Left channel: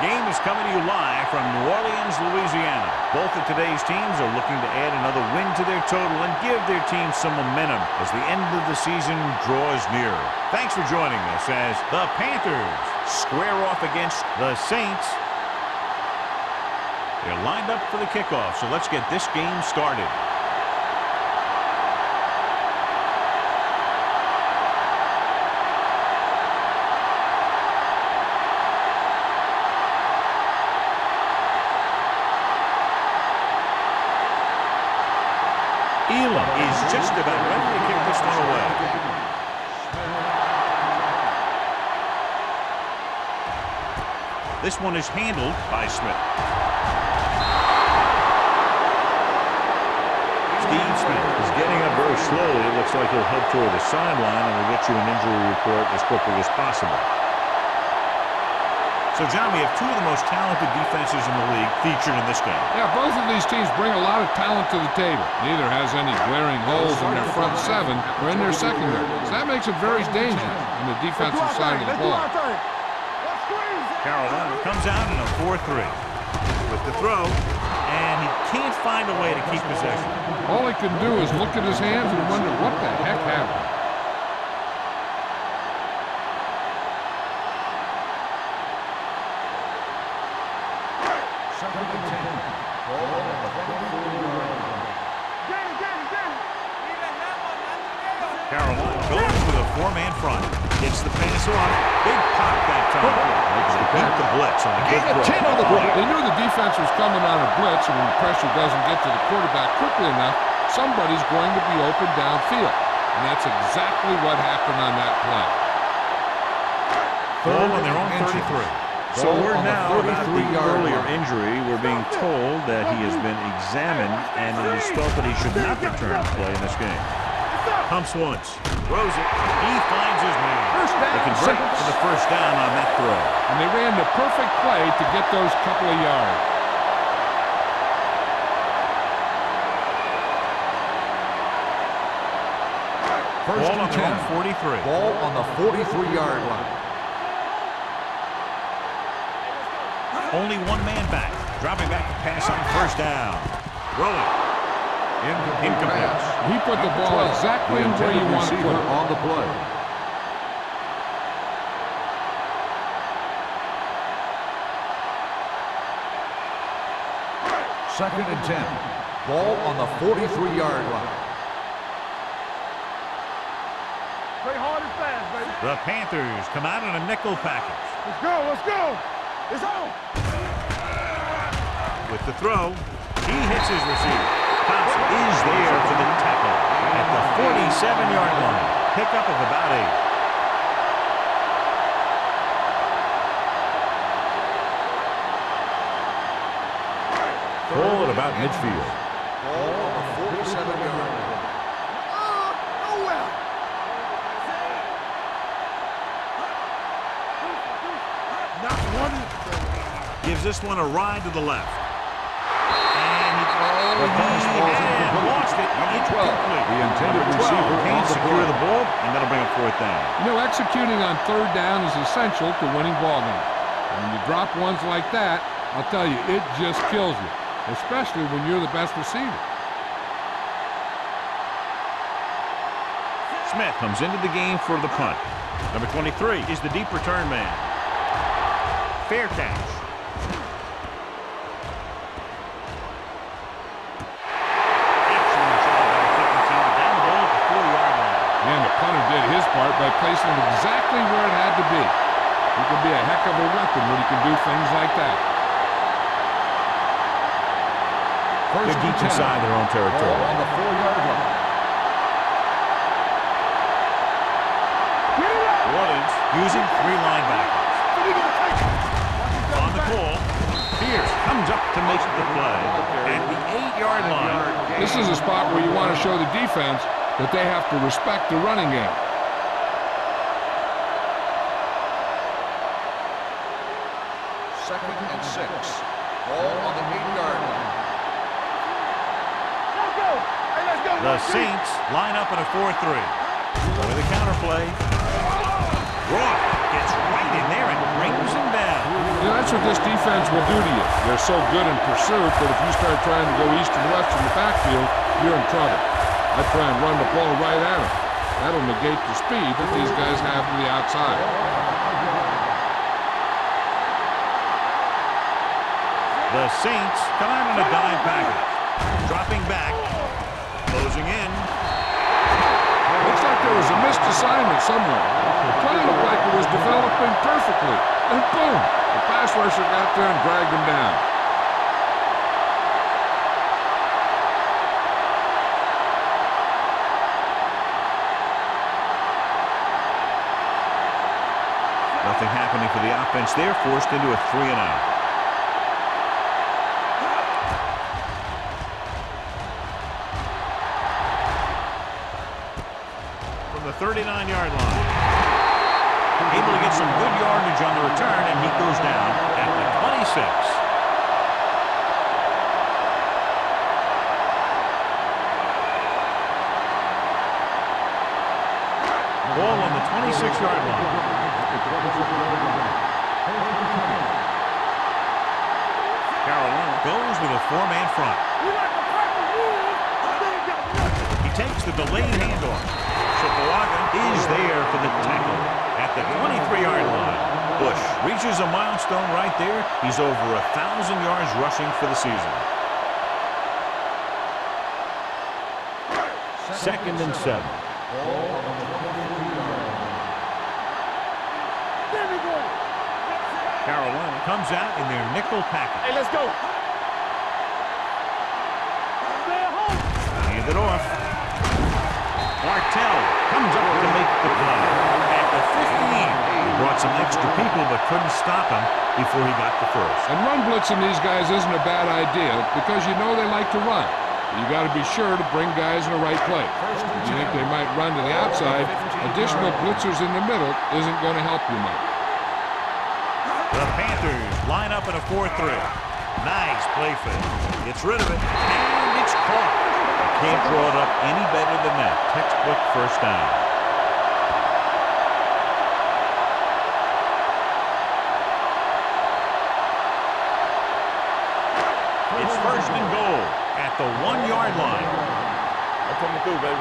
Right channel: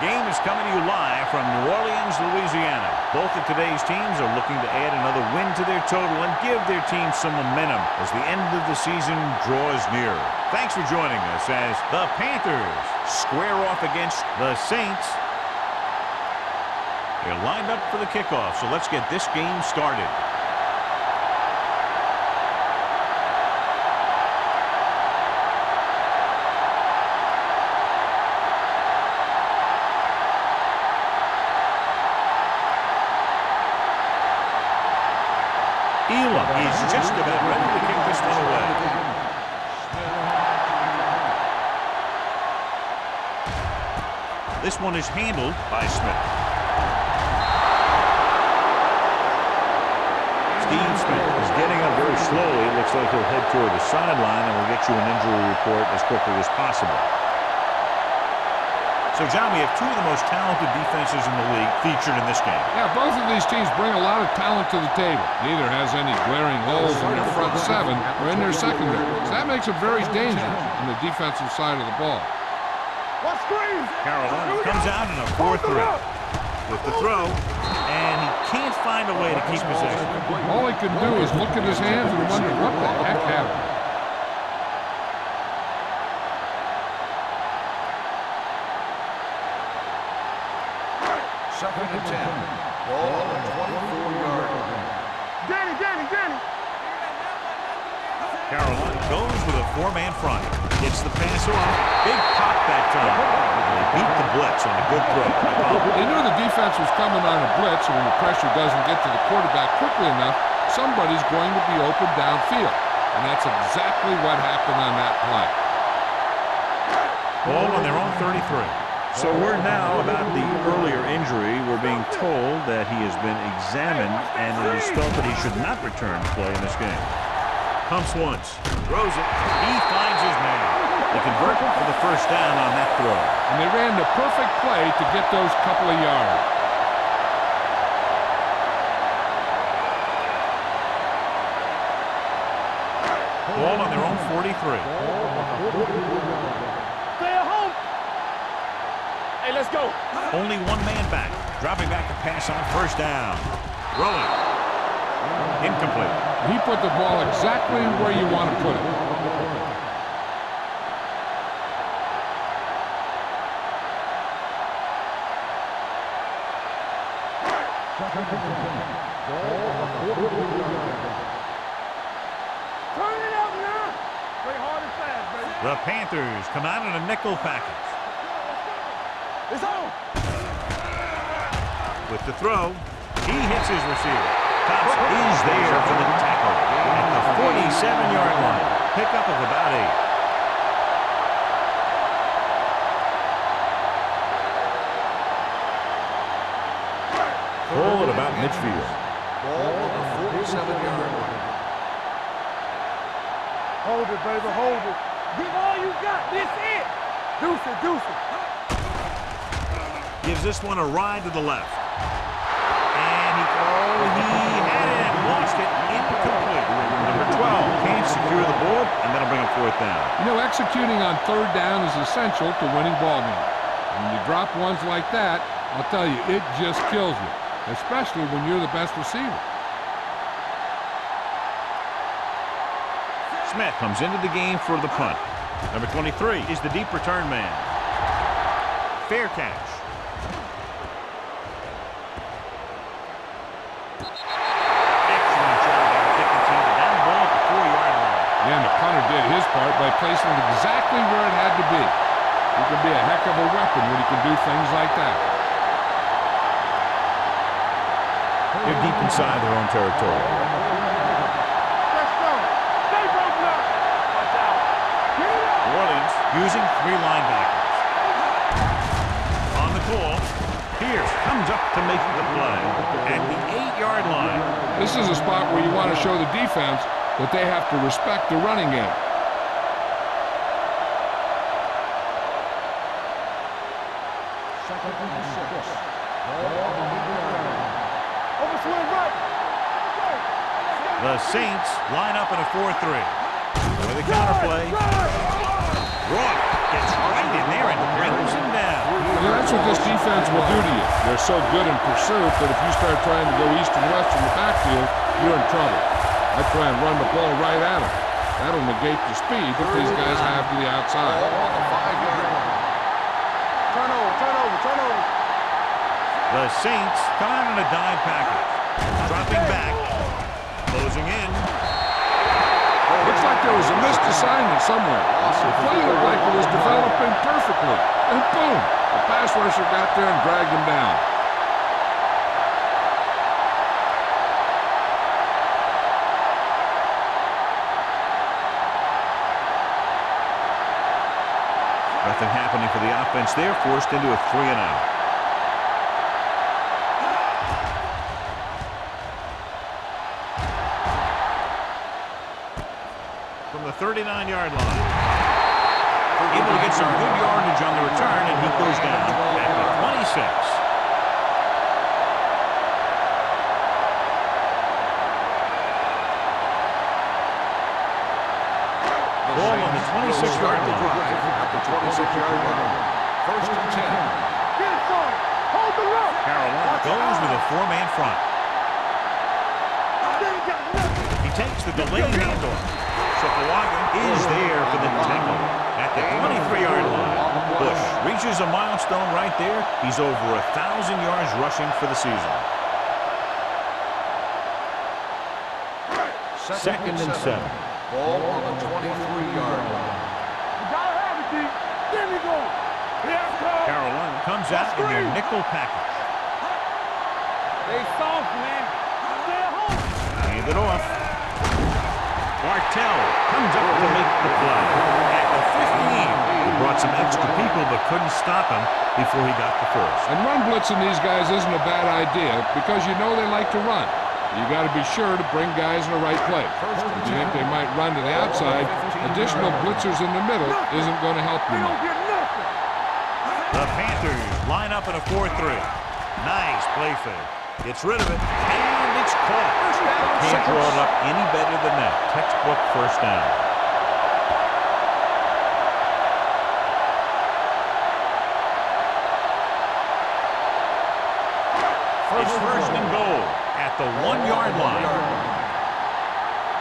game is coming to you live from New Orleans, Louisiana. Both of today's teams are looking to add another win to their total and give their team some momentum as the end of the season draws nearer. Thanks for joining us as the Panthers square off against the Saints. They're lined up for the kickoff, so let's get this game started. Elam is just about ready to kick this one away. This one is handled by Smith. Steve Smith is getting up very slowly. It looks like he'll head toward the sideline, and we'll get you an injury report as quickly as possible. So, John, we have two of the most talented defenses in the league featured in this game. Yeah, both of these teams bring a lot of talent to the table. Neither has any glaring holes in their front seven or in their secondary. So that makes it very dangerous on the defensive side of the ball. Carolina comes out in a 4-3 with the throw, and he can't find a way to keep possession. All he can do is look at his hands and wonder what the heck happened. Second and 10. Ball on the 24-yard line. Danny. Carolina goes with a four-man front. Gets the pass off. Big pop that time. They beat the blitz on a good throw. They knew the defense was coming on a blitz, and when the pressure doesn't get to the quarterback quickly enough, somebody's going to be open downfield. And that's exactly what happened on that play. Ball on their own 33. So word now about the earlier injury. We're being told that he has been examined and it is felt that he should not return to play in this game. Pumps once, throws it, he finds his man. They convert for the first down on that throw. And they ran the perfect play to get those couple of yards. Ball on their own 43. Ball on the 43-yard line. Let's go. Only one man back. Dropping back to pass on first down. Throwing. Incomplete. He put the ball exactly where you want to put it. On the play. Second and 10. Ball on the 43-yard line. Turn it up now. Play hard and fast, baby. The Panthers come out in a nickel package. Let's go. It's on. With the throw, he hits his receiver. Thompson is there for the tackle at the 47-yard line. Pickup of about 8. Ball at about midfield. Ball on the 47-yard line. Hold it, baby. Hold it. Give all you got. This it. Deuce it. Gives this one a ride to the left. And he had it and lost it. Incomplete. Number 12 can't secure the ball, and that'll bring up fourth down. You know, executing on third down is essential to winning ball games. And when you drop ones like that, I'll tell you, it just kills you, especially when you're the best receiver. Smith comes into the game for the punt. Number 23 is the deep return man. Fair catch. Excellent job by the kicking team to down the ball at the 4-yard line. And the punter did his part by placing it exactly where it had to be. He can be a heck of a weapon when he can do things like that. They're deep inside their own territory. On the 4-yard line. New Orleans using 3 linebackers. On the call, Pierce comes up to make the play at the 8-yard line. This is a spot where you want to show the defense that they have to respect the running game. Second and 6. Ball on the 8-yard line. The Saints line up in a 4-3. With a counterplay. Roth Gets right in there and brings him down. Yeah, that's what this defense will do to you. They're so good in pursuit that if you start trying to go east and west in the backfield, you're in trouble. I try and run the ball right at them. That'll negate the speed that these guys have to the outside. The Saints come out in a dime package. Dropping back. Closing in. Looks like there was a missed assignment somewhere. The play looked like it was developing perfectly. And boom, the pass rusher got there and dragged him down. Nothing happening for the offense there, forced into a 3-and-out. From the 39-yard line. Able to get some good yardage on the return, and he goes down at the 26. Ball on the 26-yard line. Carolina goes with a 4-man front. He takes the delayed handoff. So Kawaga is there for the tackle at the 23-yard line. Bush reaches a milestone right there. He's over 1,000 yards rushing for the season. Second and 7. Ball on the 23-yard line. Carolina comes out in their nickel package. Hey, let's go. Stay soft, man. Stay at home. Hand it off. Bartell comes up to make the play. At the 15. He brought some extra people but couldn't stop him before he got the first. And run blitzing these guys isn't a bad idea because you know they like to run. You got to be sure to bring guys in the right place. If you think they might run to the outside, additional blitzers in the middle isn't going to help you much. The Panthers line up in a 4-3. Nice play fake. Gets rid of it, and it's caught. Can't draw it up any better than that. Textbook first down. It's first and goal at the 1-yard line. I'm coming through, baby.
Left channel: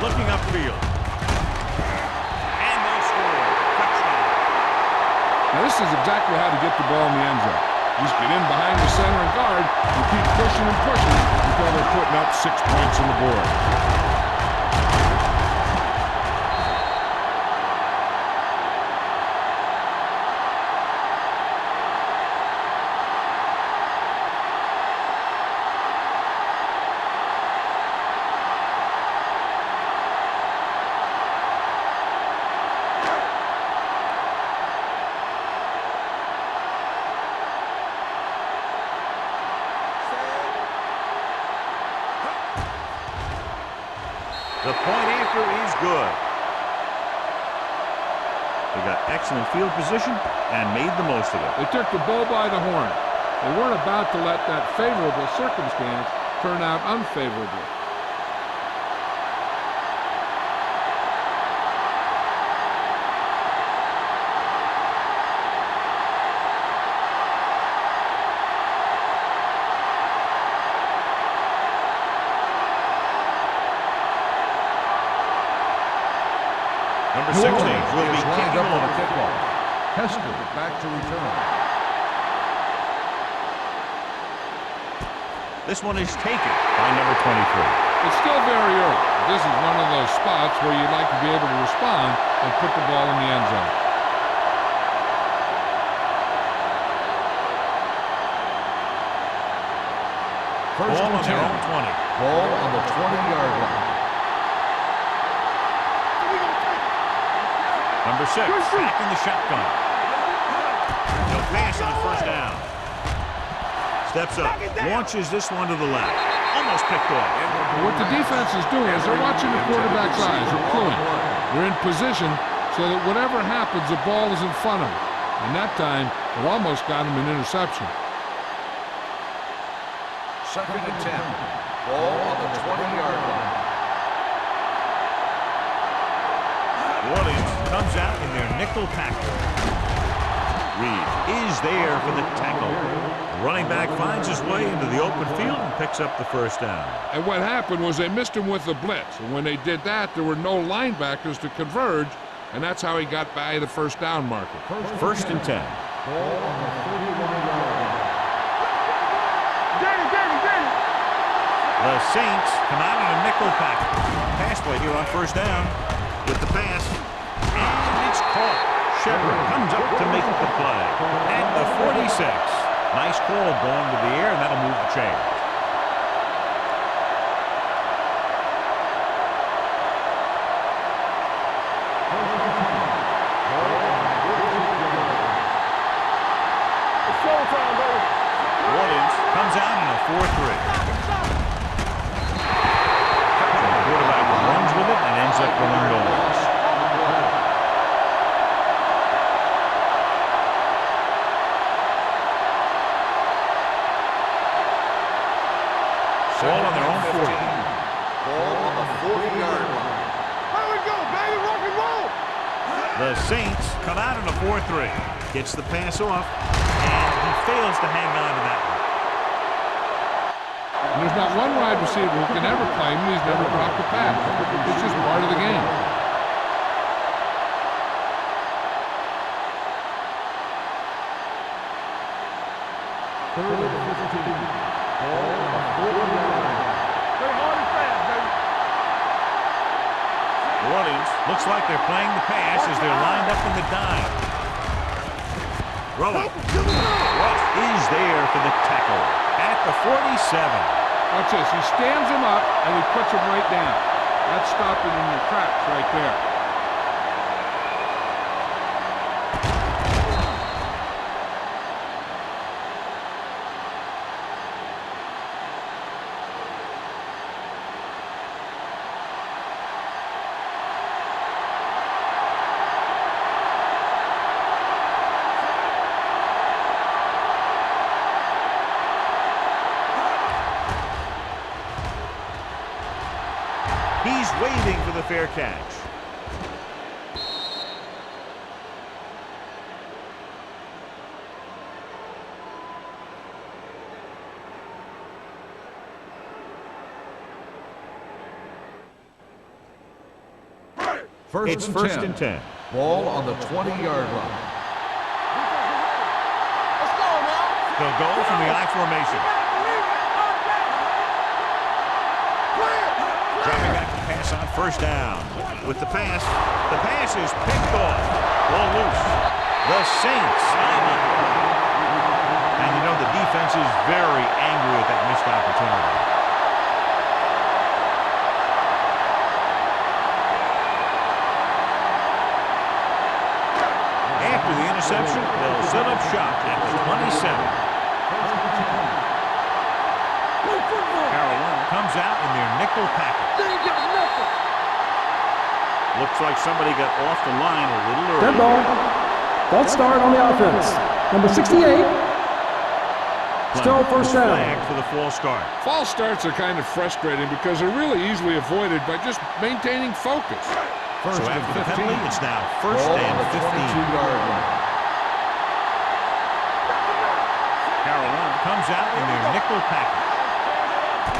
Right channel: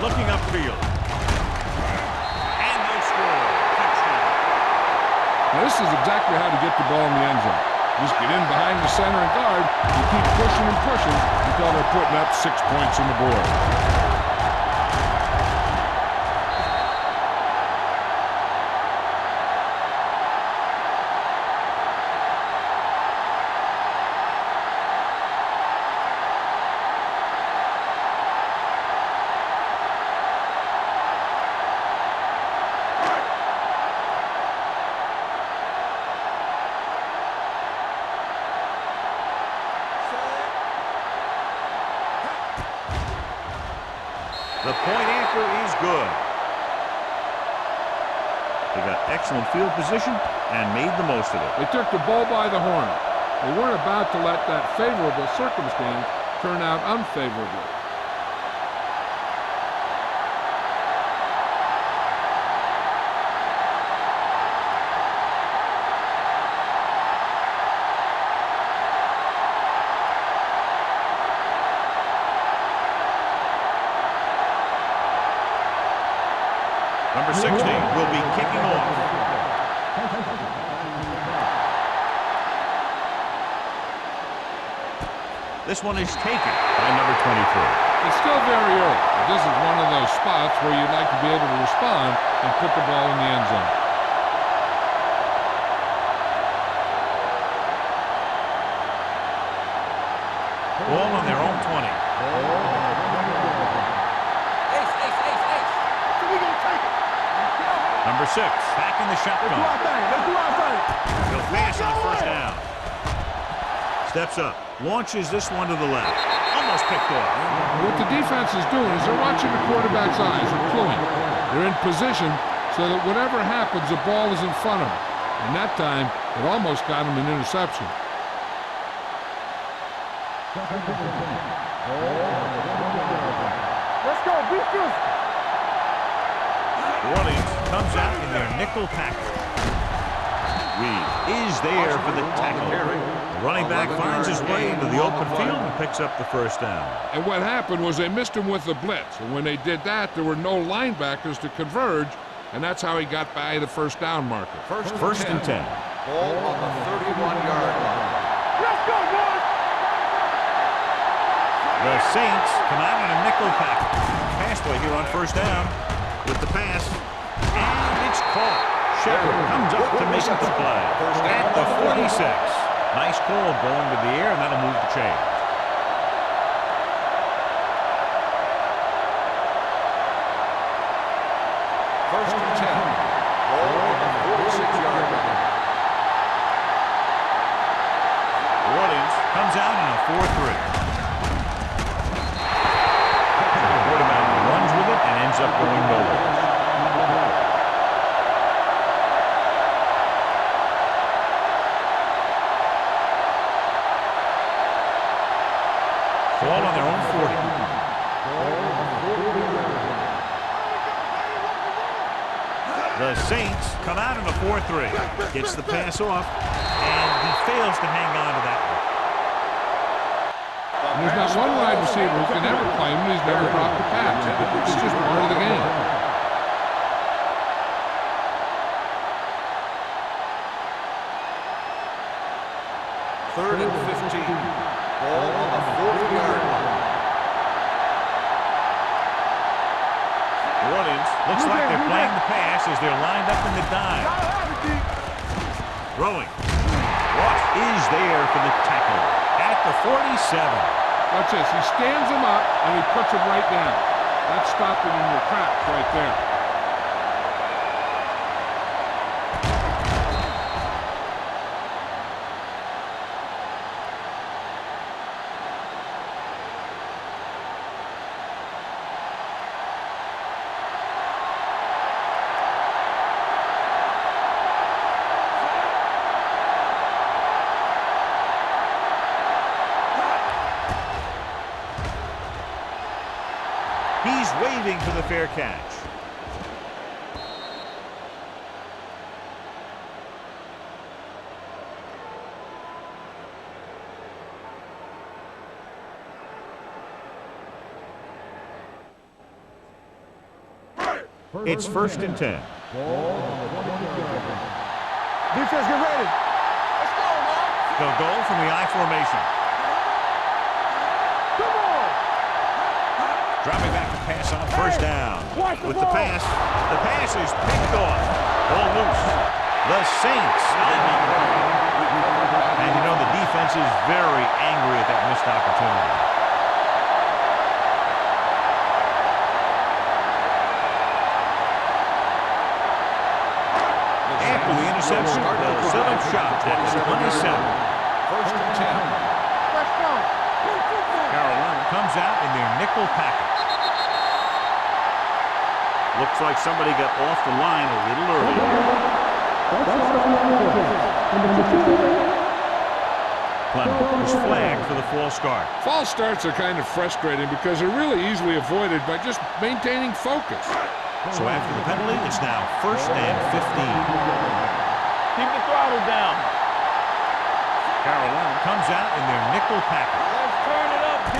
Looking upfield. And they'll score. Touchdown. Now this is exactly how to get the ball in the end zone. Just get in behind the center and guard and keep pushing and pushing until they're putting up 6 points on the board. The point after is good. They got excellent field position and made the most of it. They took the bull by the horn. They weren't about to let that favorable circumstance turn out unfavorably. Number 60 will be kicking off. Back to return. This one is taken by number 23. It's still very early, but this is one of those spots where you'd like to be able to respond and put the ball in the end zone. Ball on their own 20. Ball on the 20-yard line. Number 6 back in the shotgun. He'll pass on first down. Steps up, launches this one to the left. Almost picked off. What the defense is doing is they're watching the quarterback's eyes. They're cluing. They're in position so that whatever happens, the ball is in front of them. And that time, it almost got him an interception. Second and 10. Ball on the 20-yard line. Let's go. Beat this. New Orleans comes out in their nickel package. Reed is there for the tackle. The running back finds his way into the open field and picks up the first down. And what happened was they missed him with the blitz. And when they did that, there were no linebackers to converge, and that's how he got by the first down marker. First and 10. Ball on the 31-yard line. Let's go, boys. Get it. The Saints come out in a nickel package. Pass play here on first down with the pass, and it's caught. Shepard comes up to make the play at the 46. Nice call going to the air, and that'll move the chains. First and 10. Ball on the 46-yard line. It's showtime, baby. New Orleans comes out in a 4-3. So the quarterback runs with it and ends up going nowhere. Ball on their own 40. Ball on the 40-yard line. Here we go, baby. Rock and roll. The Saints come out in a 4-3. Gets the pass off, and he fails to hang on to that one. And there's not one wide receiver who can ever claim that he's never dropped a pass. It's just part of the game. Third and 15. Ball on the 40-yard line. New Orleans looks like they're playing the pass as they're lined up in the dime. Throwing. Ross is there for the tackle at the 47. Watch this. He stands him up, and he puts him right down. That's stopping in your tracks right there. He's waiting for the fair catch. It's first and 10. Ball on the 20-yard line. Defense, get ready. Let's go, now. They'll go from the I formation. Dropping back to pass on first down. With the pass is picked off. Ball loose. The Saints. And you know the defense is very angry at that missed opportunity. After the interception, they'll set up shop at the 27. First and 10. Carolina comes out in their nickel package. Looks like somebody got off the line a little early. False start on the offense. Number 68. Still first down. Flagged for the false start. False starts are kind of frustrating because they're really easily avoided by just maintaining focus. So after the penalty, it's now first and 15. Keep the throttle down. Carolina comes out in their nickel package. Let's turn it up, D.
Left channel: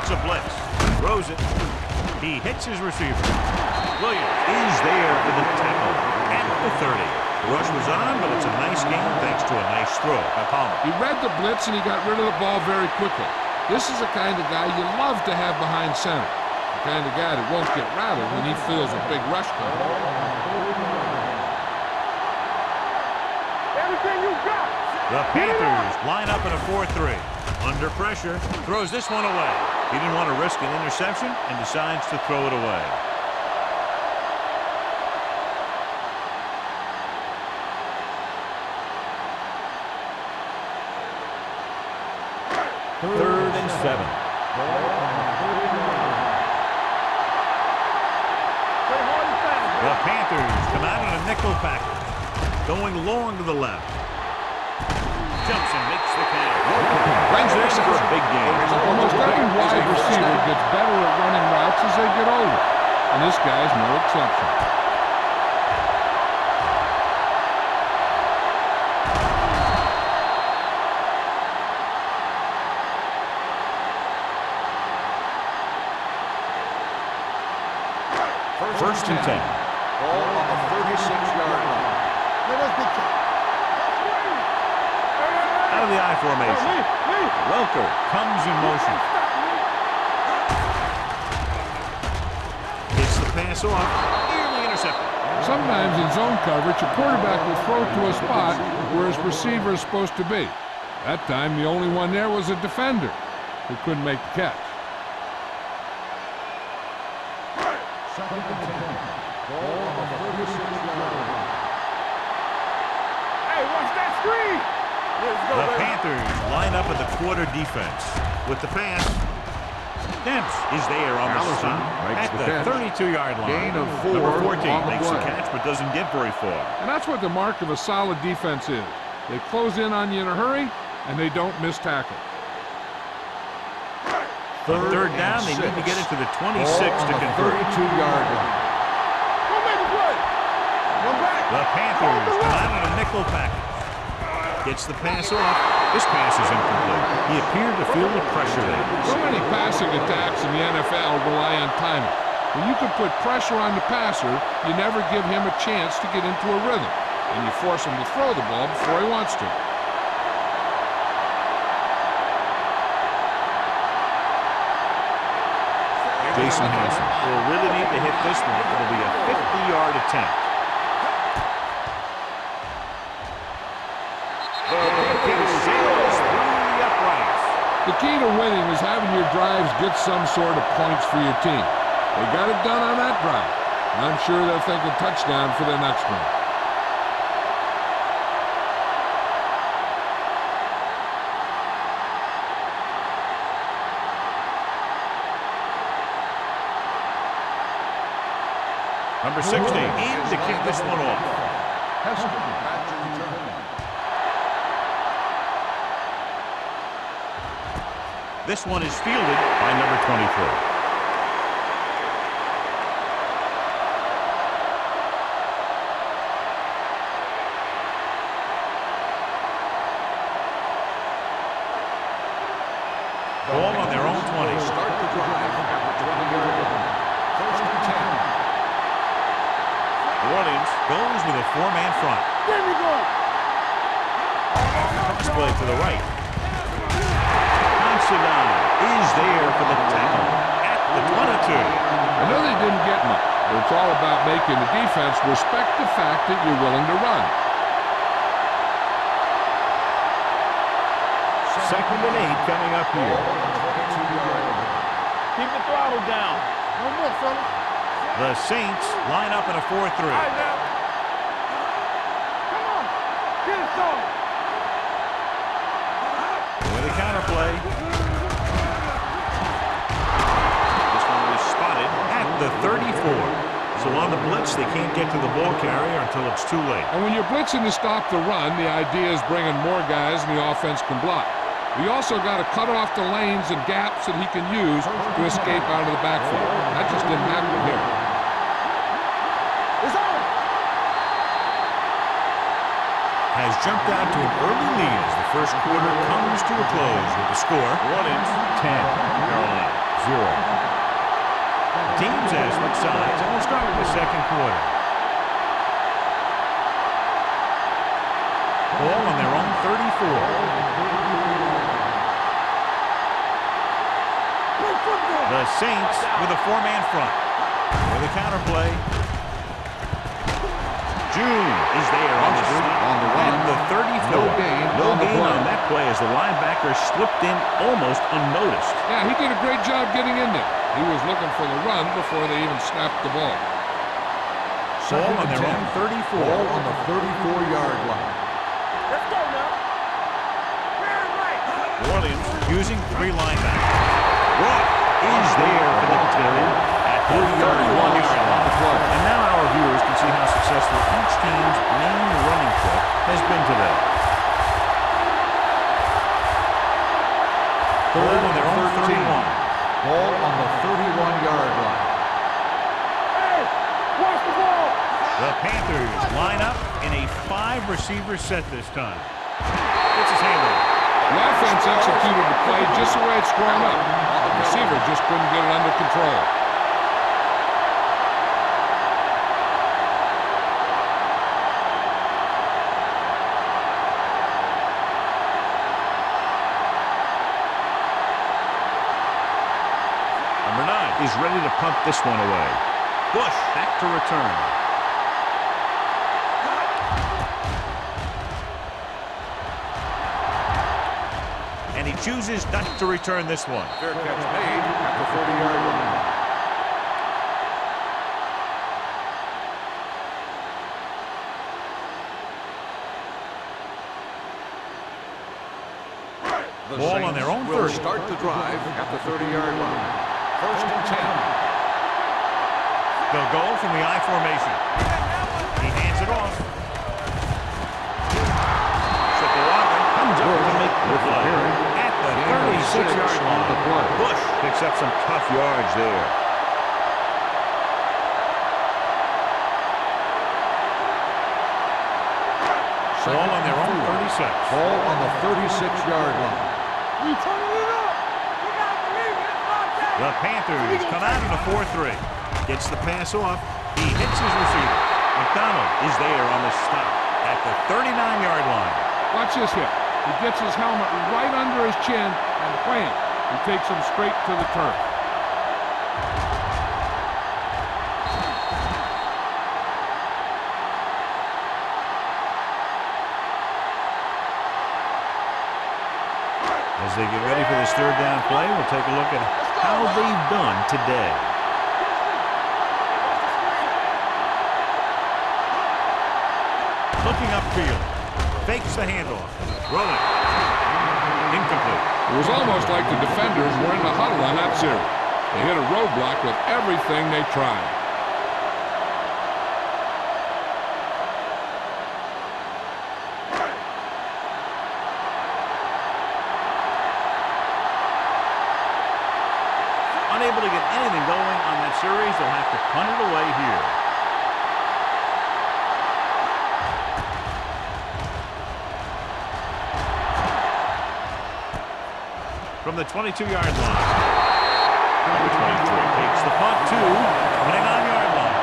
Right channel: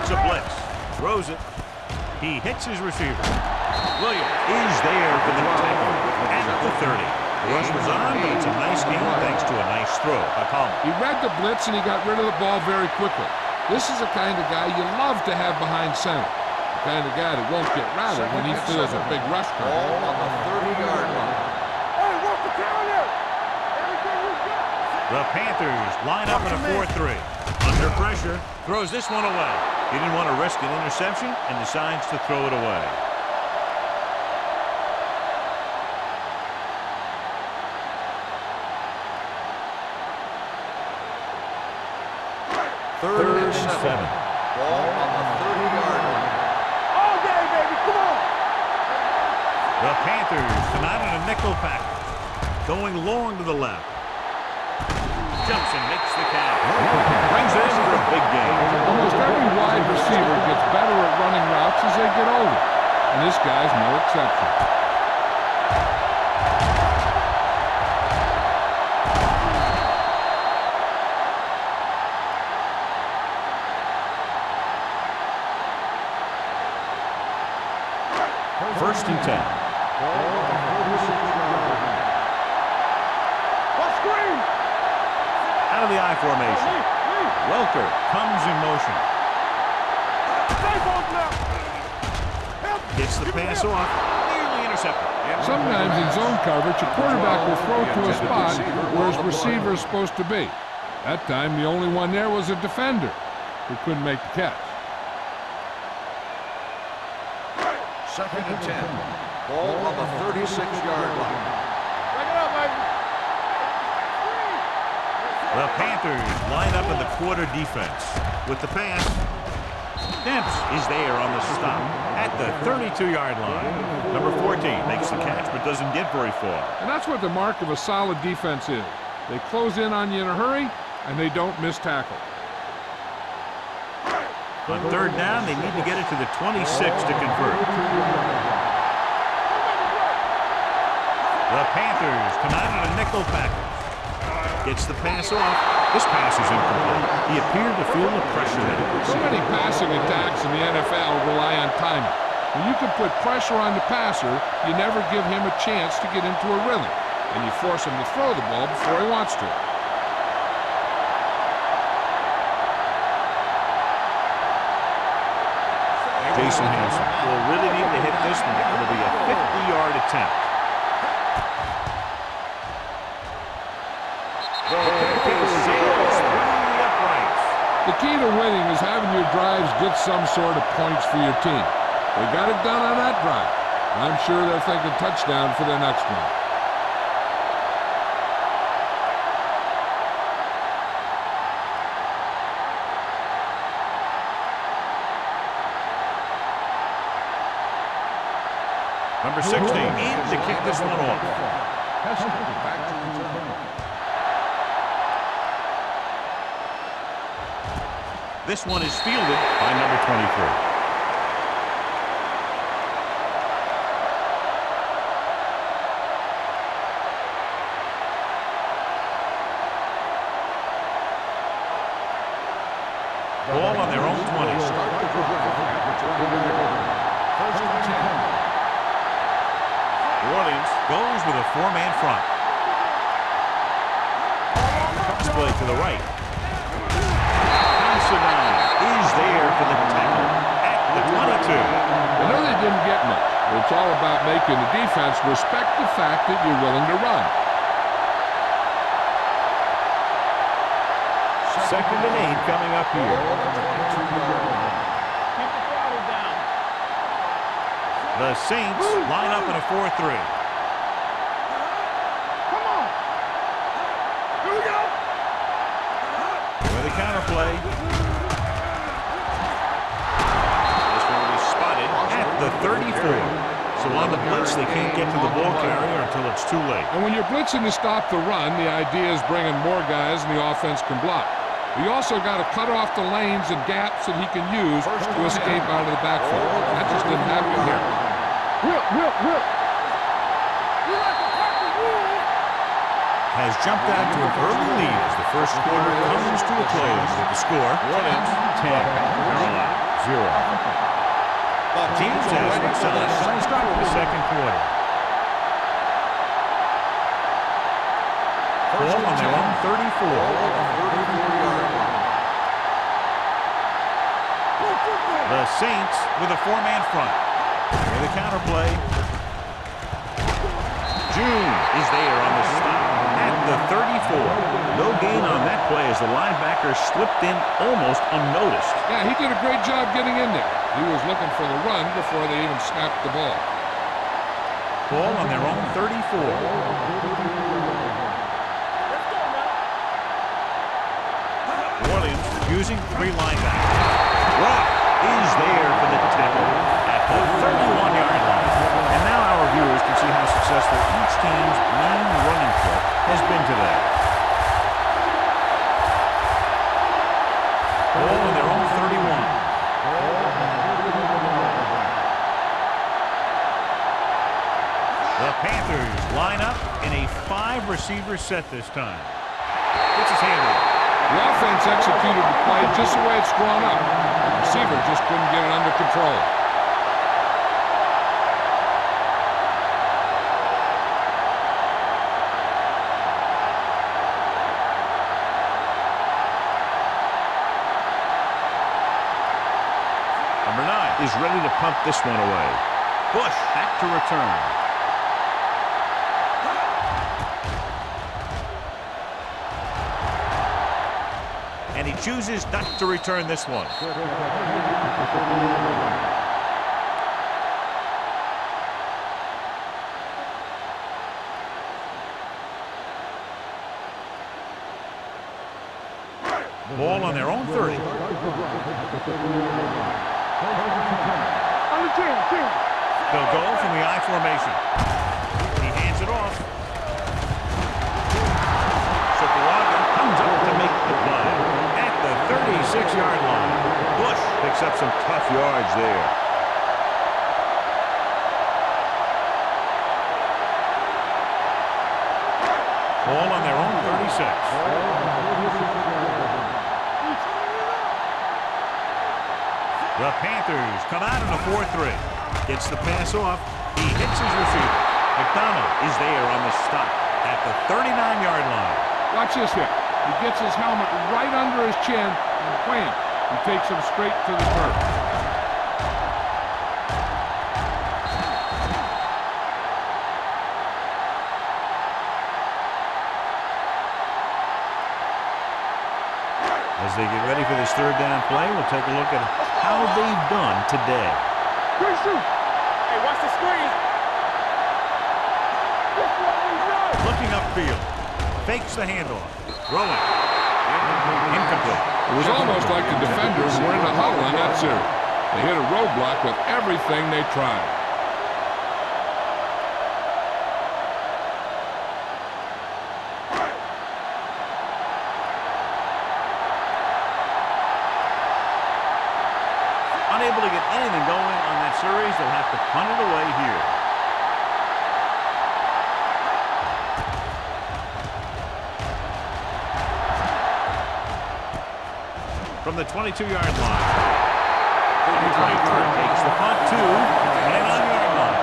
It's a blitz. Throws it. He hits his receiver. Williams is there for the tackle at the 30. The rush was on, but it's a nice gain thanks to a nice throw by Palmer. He read the blitz and he got rid of the ball very quickly. This is the kind of guy you love to have behind center. The kind of guy that won't get rattled when he feels a big rush coming. Ball on the 30-yard line. Hey, what's the counter? Everything you got. The Panthers line up in a 4-3. Under pressure, throws this one away. He didn't want to risk an interception and decides to throw it away. Third and 7. Ball on the 30-yard line. All day, baby. Come on. Play hard and fast. The Panthers come out in a nickel package, going long to the left. Jumps and makes the catch. Brings it in for a big gain. Almost every wide receiver gets better at running routes as they get older, and this guy's no exception. First and 10. Ball on the 36-yard line. Out of the I formation. Welker comes in motion. Gets the pass off. Nearly intercepted. Sometimes in zone coverage, a quarterback will throw to a spot where his receiver is supposed to be. That time, the only one there was a defender who couldn't make the catch. Second and 10. Ball on the 36-yard line. Hey, watch that screen! The Panthers line up in the quarter defense. With the pass, Demps is there on the stop at the 32-yard line. Number 14 makes the catch but doesn't get very far. And that's what the mark of a solid defense is. They close in on you in a hurry, and they don't miss tackle. On third down, they need to get it to the 26 to convert. The Panthers come out in a nickel package. Gets the pass off. This pass is incomplete. He appeared to feel the pressure there. So many passing attacks in the NFL rely on timing. When you can put pressure on the passer, you never give him a chance to get into a rhythm, and you force him to throw the ball before he wants to. Jason Hanson will really need to hit this one. It'll be a 50-yard attempt. The kick sails through the uprights. The key to winning is having your drives get some sort of points for your team. They got it done on that drive. I'm sure they're thinking touchdown for their next one. Number 16 in to kick this one off. Heston back to return. This one is fielded by number 23. Ball on their own 20. Start the drive at the 20-yard line. First and 10. New Orleans goes with a four-man front. Cross play to the right. Considine is there for the tackle at the 22. I know they didn't get much, but it's all about making the defense respect the fact that you're willing to run. Second and 8 coming up here. On the 22-yard line. Keep the throttle down. The Saints line up in a 4-3. Come on. Get it done. Here we go. With a counterplay. This one will be spotted at the 34. So on the blitz, they can't get to the ball carrier until it's too late. And when you're blitzing to stop the run, the idea is bringing more guys and the offense can block. We also got to cut off the lanes and gaps that he can use to escape out of the backfield. That just didn't happen here. Has jumped out to an early lead as the first quarter comes to a close with the score. New Orleans 10, Carolina 0. Teams have switched sides and will start the second quarter. Ball on their own 34. The Saints with a four-man front. With a counterplay. June is there on the stop at the 34. No gain on that play as the linebacker slipped in almost unnoticed. Yeah, he did a great job getting in there. He was looking for the run before they even snapped the ball. Ball on their own 34. On the 34-yard line. Let's go now. New Orleans using three linebackers. Roth is there for the tackle at the 31-yard line. And now our viewers can see how successful each team's main running play has been today. Ball on their own 31. Ball on the 31-yard line. The Panthers line up in a 5-receiver set this time. Gets his hand on it. The offense executed the play just the way it's drawn up. The receiver just couldn't get it under control. Number 9 is ready to punt this one away. Bush back to return. And he chooses not to return this one. Fair catch made at the 30-yard line. Ball on their own 30. Start the drive at the 30-yard line. First and 10. They'll go from the I formation. He hands it off. Sopoaga comes up to make the play at the 36-yard line. Bush picks up some tough yards there. Ball on their own 36. Ball on the 36-yard line. The Panthers come out in a 4-3. Gets the pass off. He hits his receiver. McDonald is there on the stop at the 39-yard line. Watch this hit. He gets his helmet right under his chin, and wham, he takes him straight to the turf. As they get ready for this third down play, we'll take a look at how they've done today. Hey, watch the screen. Looking upfield. Fakes the handoff. Rolling. Incomplete. It was almost like the defenders were in a huddle on that series. They hit a roadblock with everything they tried. Unable to get anything going on that series, they'll have to punt it away here. From the 22-yard line. Number 23 takes the punt to 29-yard line.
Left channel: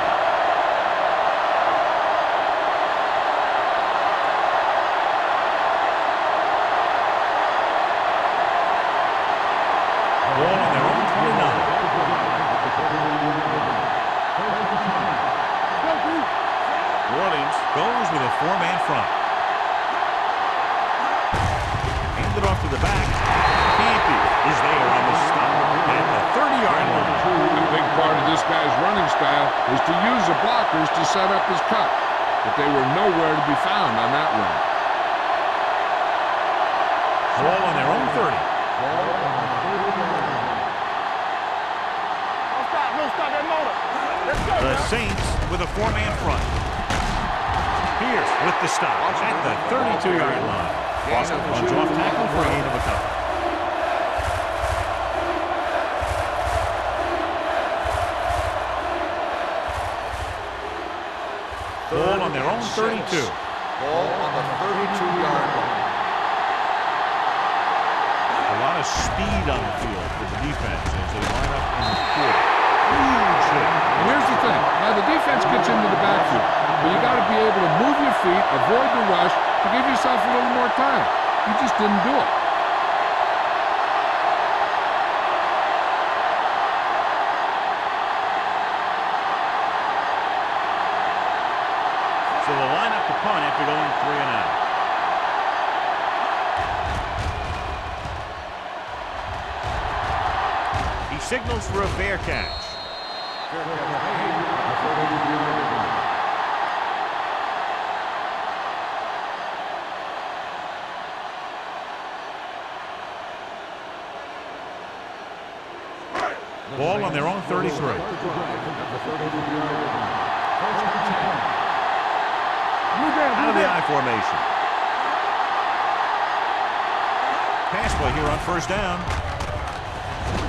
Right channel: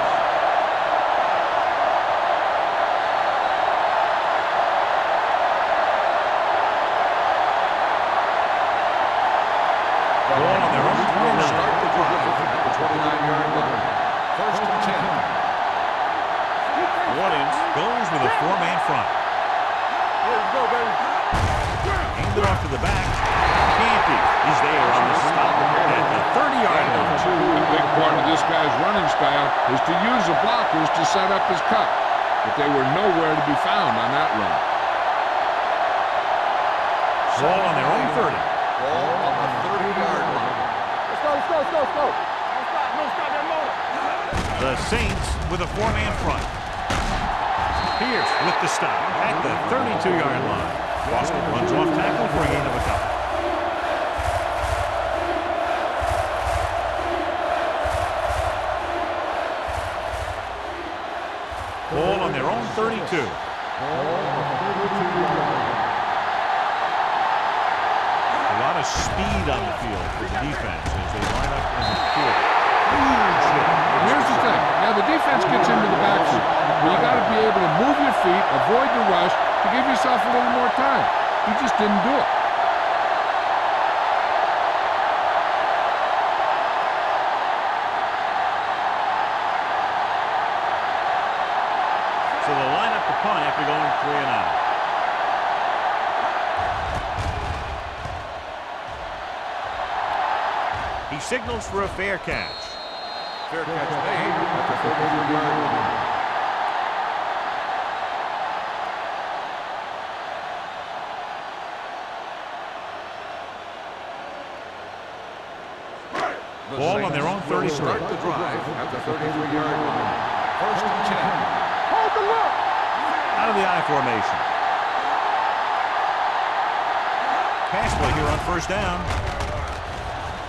Ball on their own 29. First and 10. New Orleans goes with a 4-man front. Handed off to the back. Canty is there on the stop at the 30-yard line. A big part of this guy's running style is to use the blockers to set up his cut, but they were nowhere to be found on that run. Ball on their own 30. Ball on the 30-yard line. Let's go. Don't stop. No, stop that motor. Let's go. The Saints with a 4-man front. Pierce with the stop at the 32-yard line. Boston runs off tackle for a gain of a couple. Ball on their own 32. Ball on the 32-yard line. A lot of speed on the field for the defense as they line up in the quarter. Huge hit. And here's the thing. Yeah, the defense gets into the backfield, but you got to be able to move your feet, avoid the rush, to give yourself a little more time. He just didn't do it. So they'll line up to punt after going 3 and out. He signals for a fair catch. Fair catch made at the 33-yard line. Ball on their own 33. Start the drive at the 33-yard line. First and 10. Out of the I formation. Pass play here on first down.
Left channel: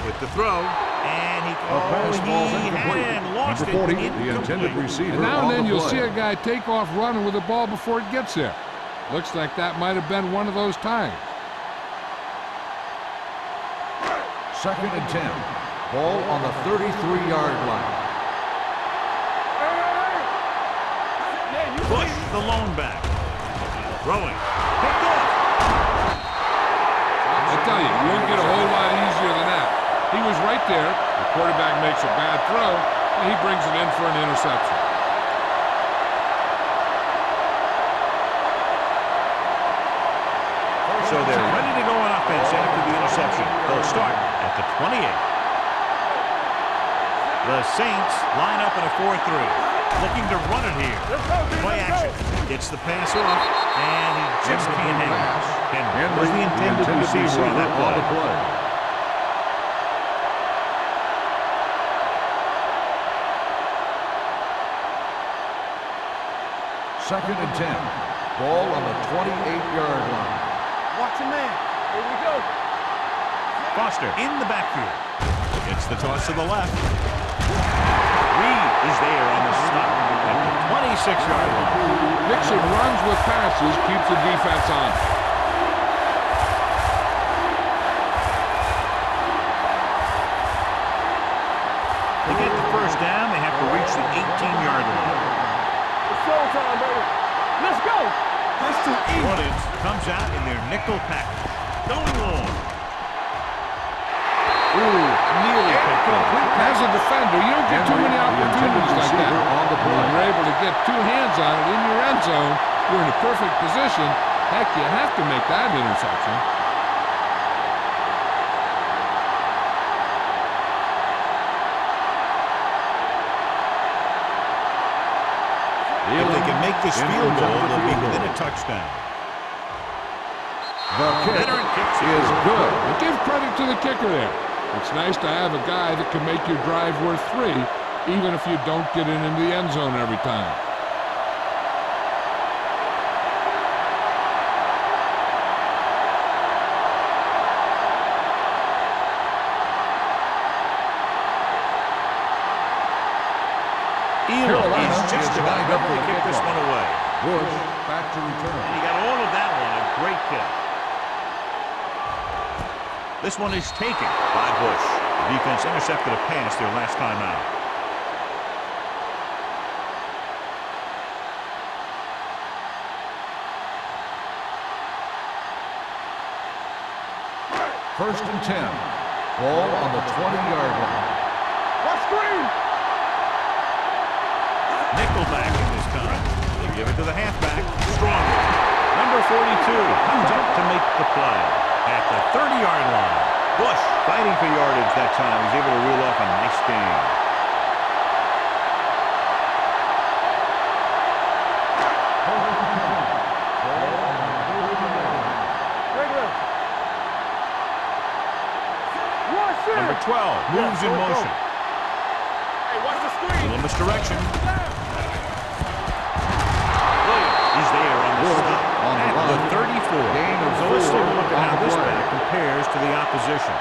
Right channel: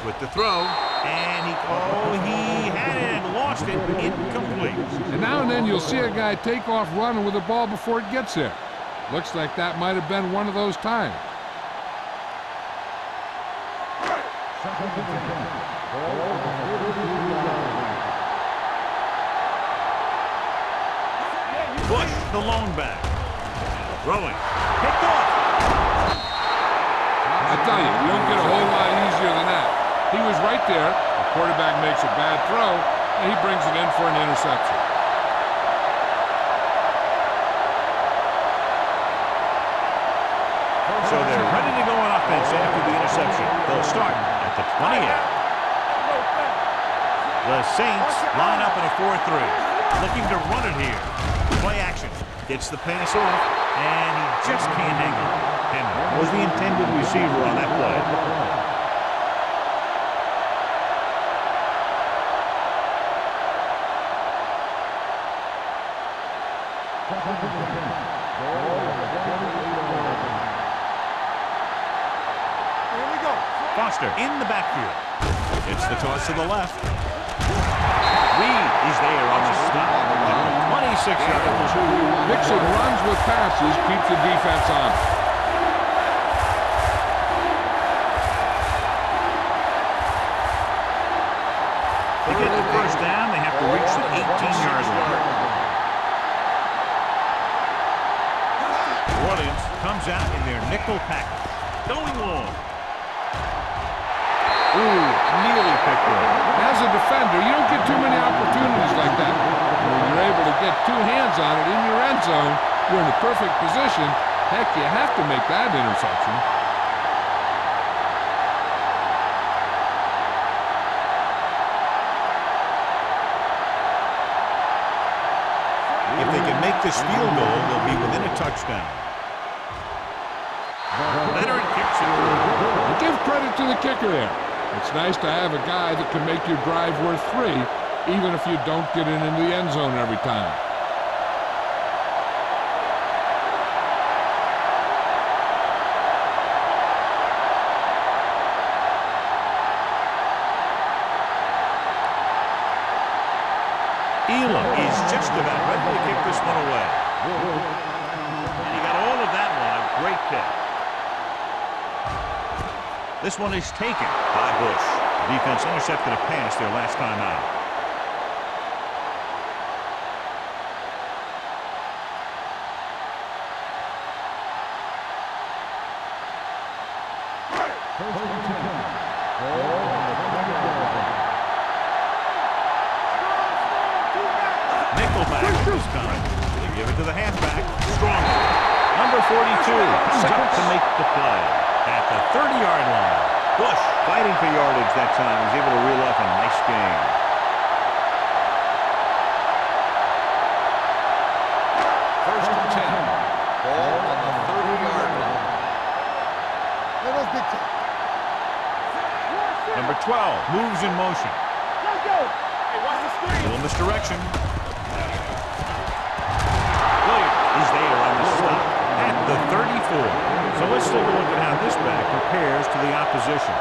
with the throw. And he had it and lost it, incomplete. And now and then you'll see a guy take off running with the ball before it gets there. Looks like that might have been one of those times. 2nd and 10. Ball on the 33-yard line. Bush, the lone back. Throwing. Picked off. I tell you, you don't get a whole lot easier than that. He was right there. The quarterback makes a bad throw, and he brings it in for an interception. So they're ready to go on offense after the interception. They'll start at the 28. The Saints line up in a 4-3. Looking to run it here. Play action. Gets the pass off, and he just can't hang on. Henry was the intended receiver on that play. 2nd and 10. Ball on the 28-yard line. Watch your man. Here we go. Here we go. Foster in the backfield. It's the toss to the left. Reed is there on the stop at the 26-yard line. Mixon runs with passes, keeps the defense on. To get the first down, they have to reach the 18-yard line. Let's go. New Orleans comes out in their nickel package. Going long. Ooh, nearly picked off. As a defender, you don't get too many opportunities like that. When you're able to get two hands on it in your end zone, you're in a perfect position. Heck, you have to make that interception. If they can make this field goal, they'll be within a touchdown. Veteran kicks it through. And give credit to the kicker there. It's nice to have a guy that can make your drive worth 3, even if you don't get it into the end zone every time. Elam is just about ready to kick this one away. And he got all of that one, a great kick. This one is taken by Bush. The defense intercepted a pass their last time out. First and 10. Ball on the 20-yard line. Nickelback at this time. They give it to the halfback. Strongly. Number 42 comes up to make the play at the 30-yard line. Bush fighting for yardage that time. He's able to reel off a nice gain. First and 10. Ball on the 30-yard line. Number 12 moves in motion. Hey, watch the screen. Little misdirection. Williams is there on the stop at the 34. So let's take a look at how this back compares to the opposition.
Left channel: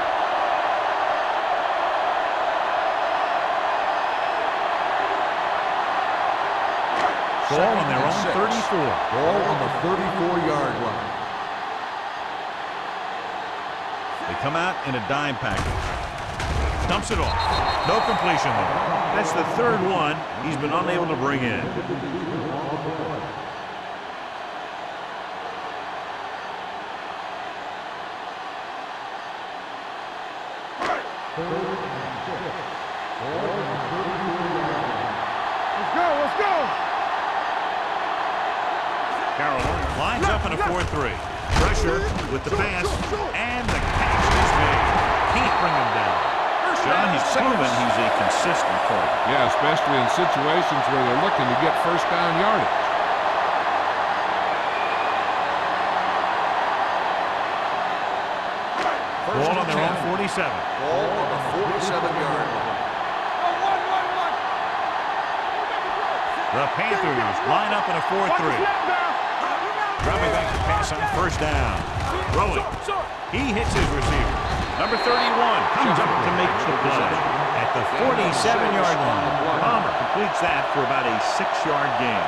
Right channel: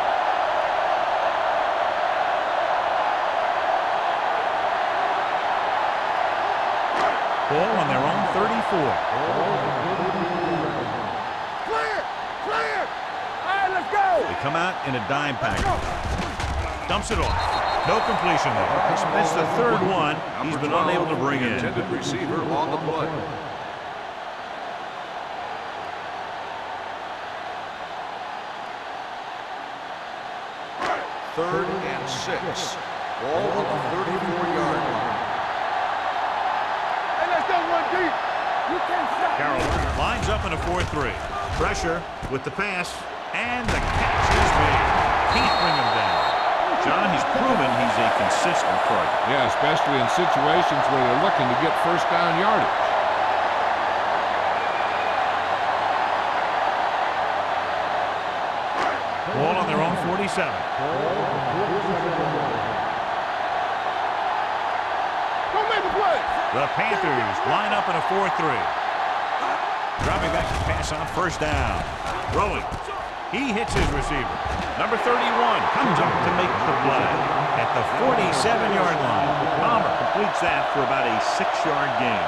Ball on their own 34. Ball on the 34-yard line. Clear. Clear. All right, let's go. They come out in a dime package. Dumps it off. No completion there. That's the third one he's been unable to bring in. Intended receiver on the play. Third and 6. Ball on the 34-yard line. Let's go. Let's go. Hey, let's go one deep. You can't stop. Carolina lines up in a 4-3. Pressure with the pass, and the catch is made. Can't bring him down. John, he's proven he's a consistent target. Yeah, especially in situations where they're looking to get first down yardage. Ball on their own 47. Ball on the 47-yard line. Don't make a play. The Panthers line up in a 4-3. Dropping back to pass on first down. Throwing. He hits his receiver. Number 31 comes up to make the play at the 47-yard line. Palmer completes that for about a 6-yard gain.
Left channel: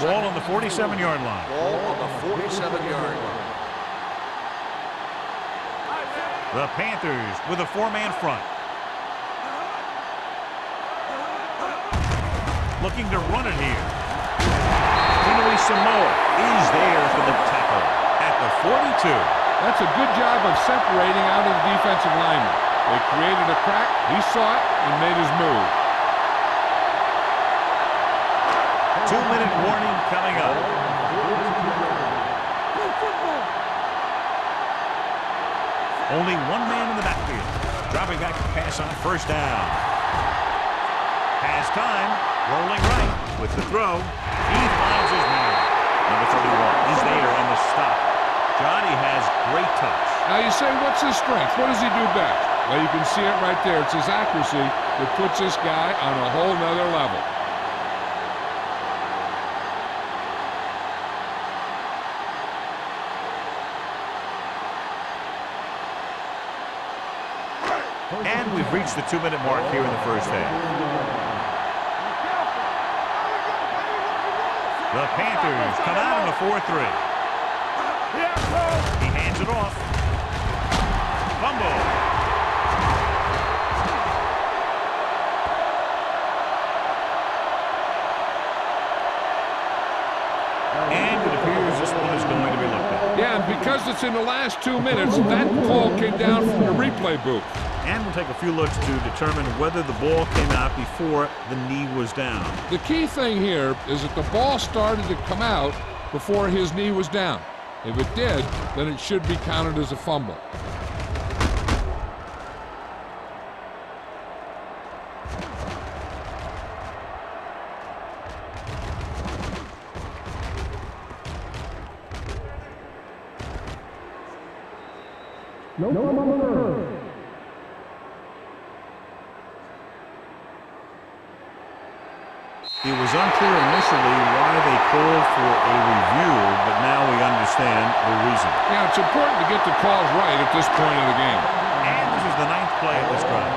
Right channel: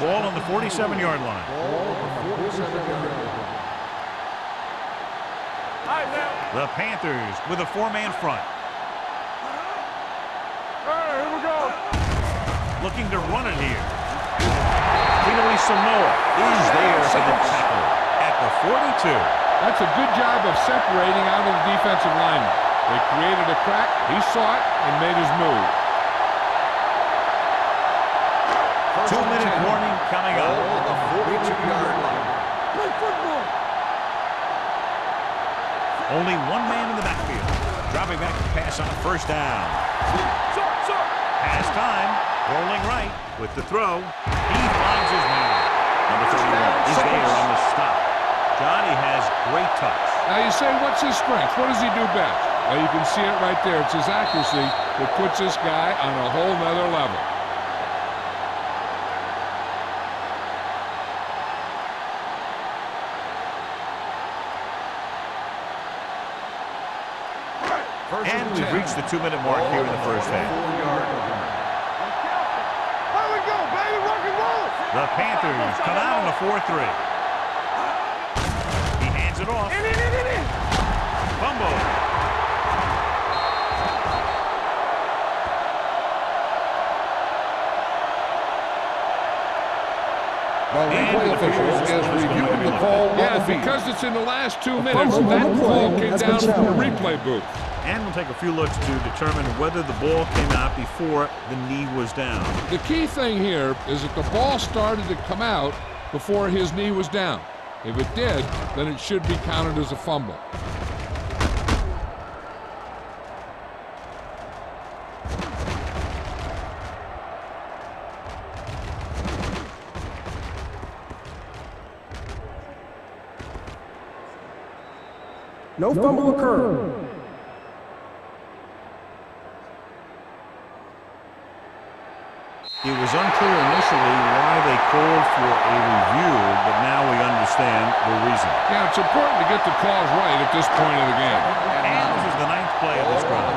Ball on the 47-yard line. Ball on the 47-yard line. The Panthers with a 4-man front. Looking to run it here. Tinui Samoa is there for the tackle at the 42. That's a good job of separating out of the defensive lineman. They created a crack, he saw it, and made his move. 2-minute warning coming up. Ball on the 42-yard line. Play football. Only one man in the backfield. Dropping back to pass on first down. Has time. Rolling right with the throw. He finds his man. Number 31 is there on the stop. Johnny has great touch. Now you say, what's his strength? What does he do best? Well, you can see it right there. It's his accuracy that puts this guy on a whole nother level. And we've reached the 2-minute mark here in the first half. The Panthers come out in a 4-3. He hands it off. Fumble. And it appears this one is going to be looked at. Yeah, and because it's in the last 2 minutes, that call came down from the replay booth. And we'll take a few looks to determine whether the ball came out before the knee was down. The key thing here is that the ball started to come out before his knee was down. If it did, then it should be counted as a fumble. No fumble occurred. It was unclear initially why they called for a review, but now we understand the reason. Yeah, it's important to get the calls right at this point of the game. And this is the 9th play of this drive.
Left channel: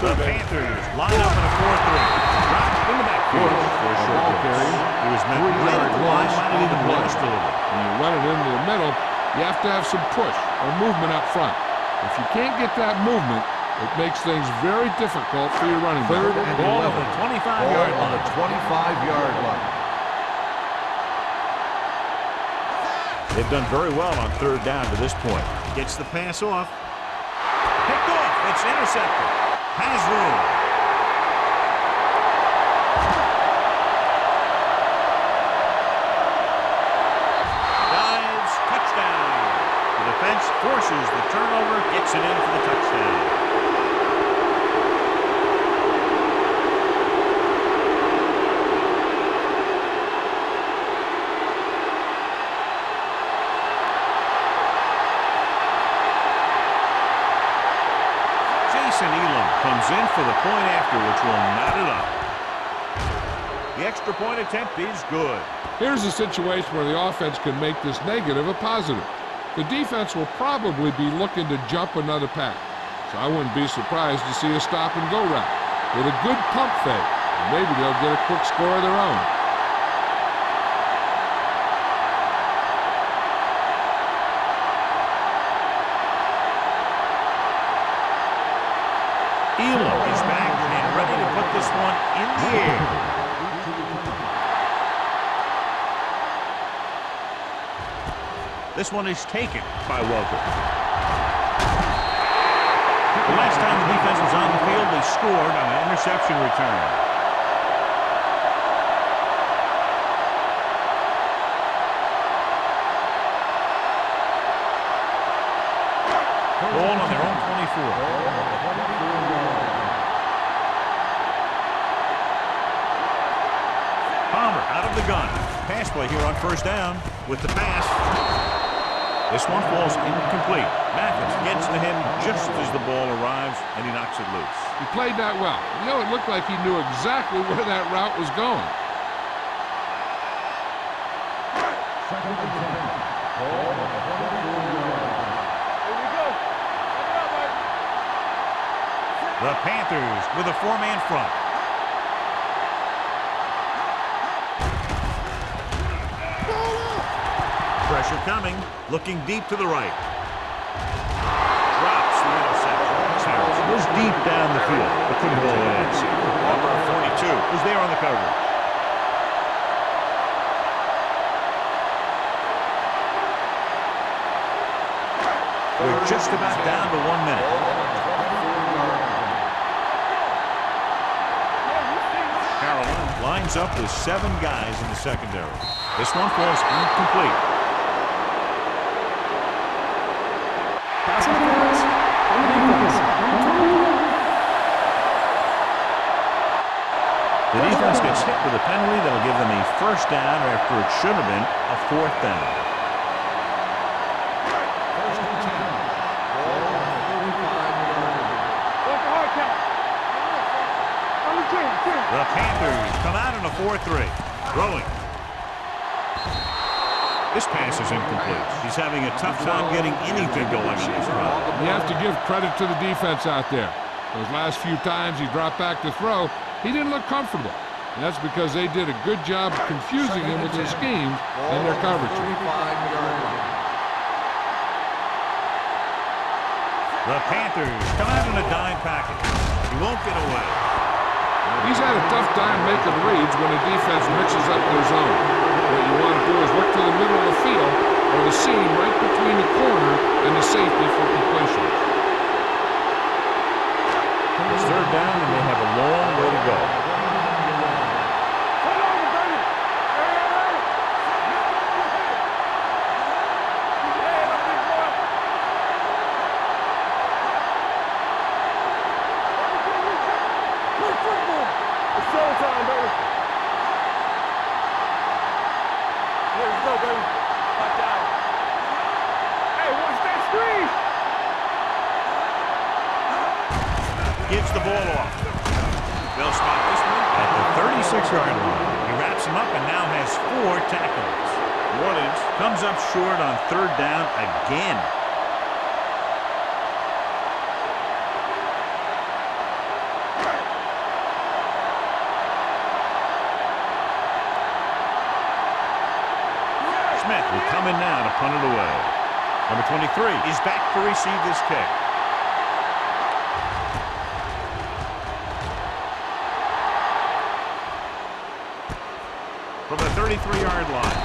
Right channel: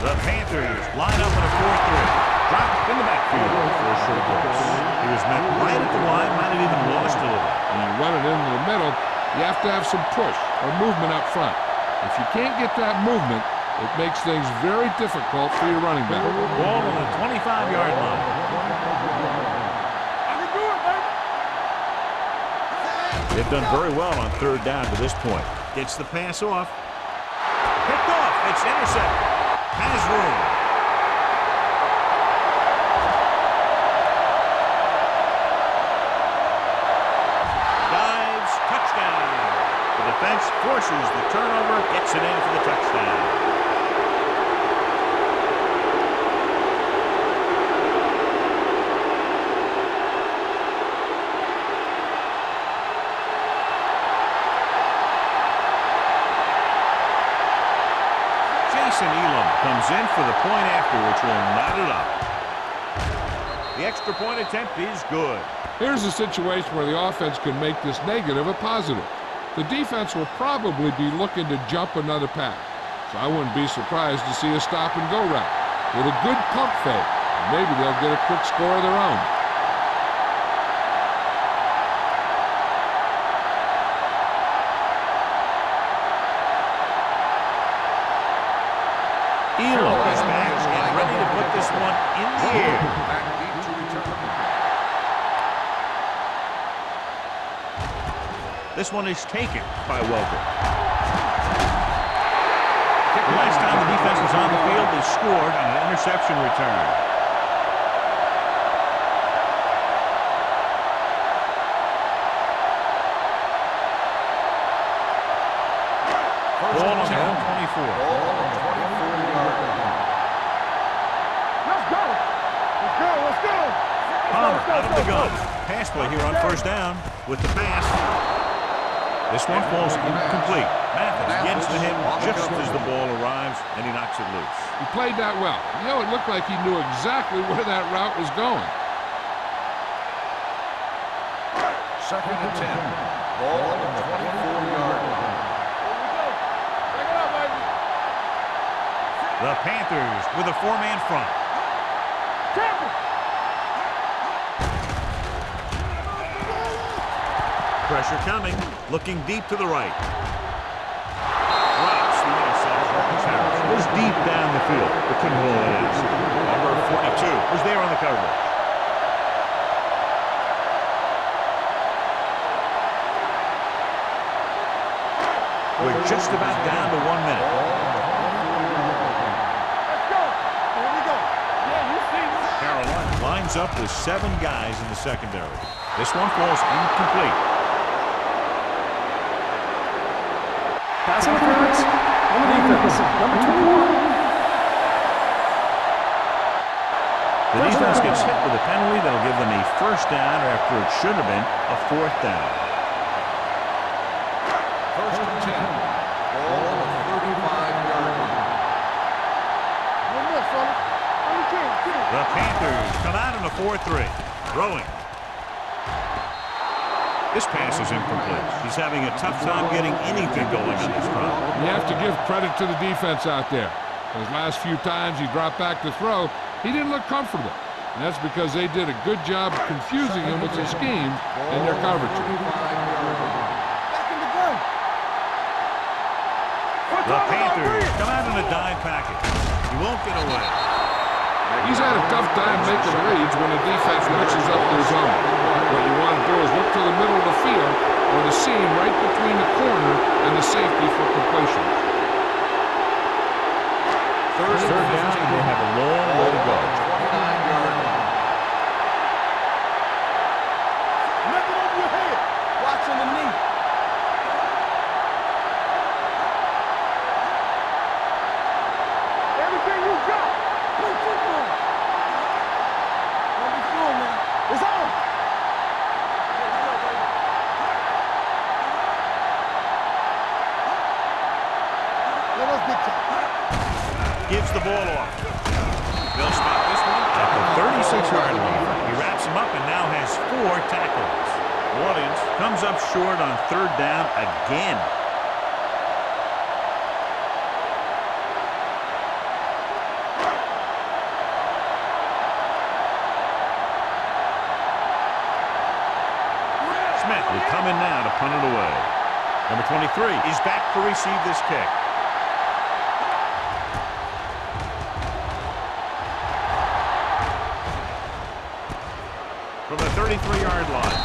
The Panthers line up in a 4-3. Dropped in the backfield for a short loss. He was met right at the line, might have even lost a little. When you run it into the middle, you have to have some push or movement up front. If you can't get that movement, it makes things very difficult for your running back. Ball on the 25-yard line. 25-yard line. They've done very well on 3rd down to this point. Gets the pass off. Picked off. It's intercepted. Has room. Dives. Touchdown. The defense forces the turnover. Gets it in for the touchdown. Elam comes in for the point after, which will knot it up. The extra point attempt is good. Here's a situation where the offense can make this negative a positive. The defense will probably be looking to jump another pack, so I wouldn't be surprised to see a stop-and-go route with a good pump fake, and maybe they'll get a quick score of their own. Elam is back and ready to put this one in the air. This one is taken by Welker. The last time the defense was on the field, they scored on an interception return. Ball on their own 24. Palmer out of the gun. Pass play here on 1st down with the pass. This one falls incomplete. Mathis gets to him just as the ball arrives, and he knocks it loose. He played that well. You know, it looked like he knew exactly where that route was going. Second and 10. Ball on the 24-yard line. Here we go. Check it out, baby. The Panthers with a four-man front. Pressure coming, looking deep to the right. Drops the interception. Harris was deep down the field, but couldn't haul it in. Number 42 was there on the coverage. We're just about down to 1 minute. Let's go. Here we go. Yeah, you see me. Carolina lines up with 7 guys in the secondary. This one falls incomplete. Pass interference on the defense. Number 21. The defense gets hit with a penalty that'll give them a first down after it should have been a 4th down. First and 10. Ball on the 35-yard line. On the 10. The Panthers come out in a 4-3. Throwing. This pass is incomplete. He's having a tough time getting anything going on this run. You have to give credit to the defense out there. Those last few times he dropped back to throw, he didn't look comfortable. And that's because they did a good job of confusing him with their schemes and their coverage. The Panthers come out in a dime package. He won't get away. He's had a tough time making reads when the defense mixes up their zone. What you want to do is look to the middle of the field or the seam right between the corner and the safety for completion. It's 3rd down, and they have a long way to go. Nothing over your head. Watch on the knee. Everything you got. Play football. It's all time, baby. It's on. Here we go, baby. Watch out. Hey, watch that screen. Gives the ball off. They'll spot this one at the 36-yard line. He wraps him up and now has 4 tackles. New Orleans comes up short on 3rd down again. Smith will come in now to punt it away. Number 23 is back to receive this kick. From the 33-yard line.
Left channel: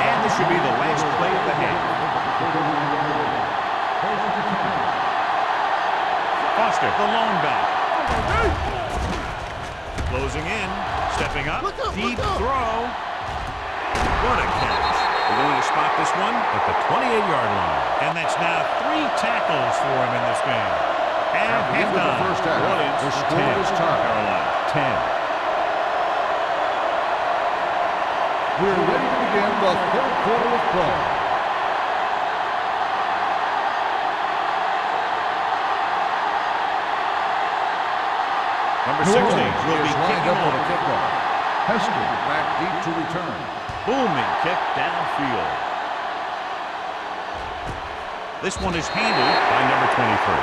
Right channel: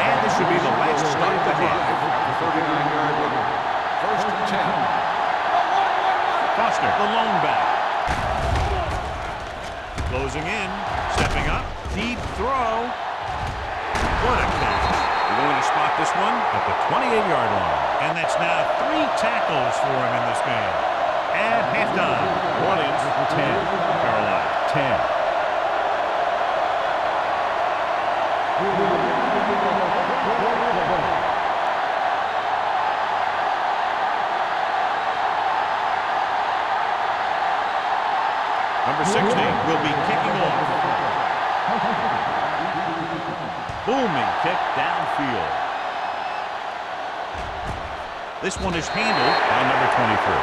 And this should be the last play of the half. First and 10. Foster, the lone back. Closing in, stepping up, deep throw. What a catch. They're going to spot this one at the 28-yard line. And that's now 3 tackles for him in this game. At halftime, New Orleans 10, Carolina 10. We're ready to begin the 3rd quarter of play. Number 60 will be kicking off. Hester back deep to return. Booming kick downfield. This one is handled by number 23.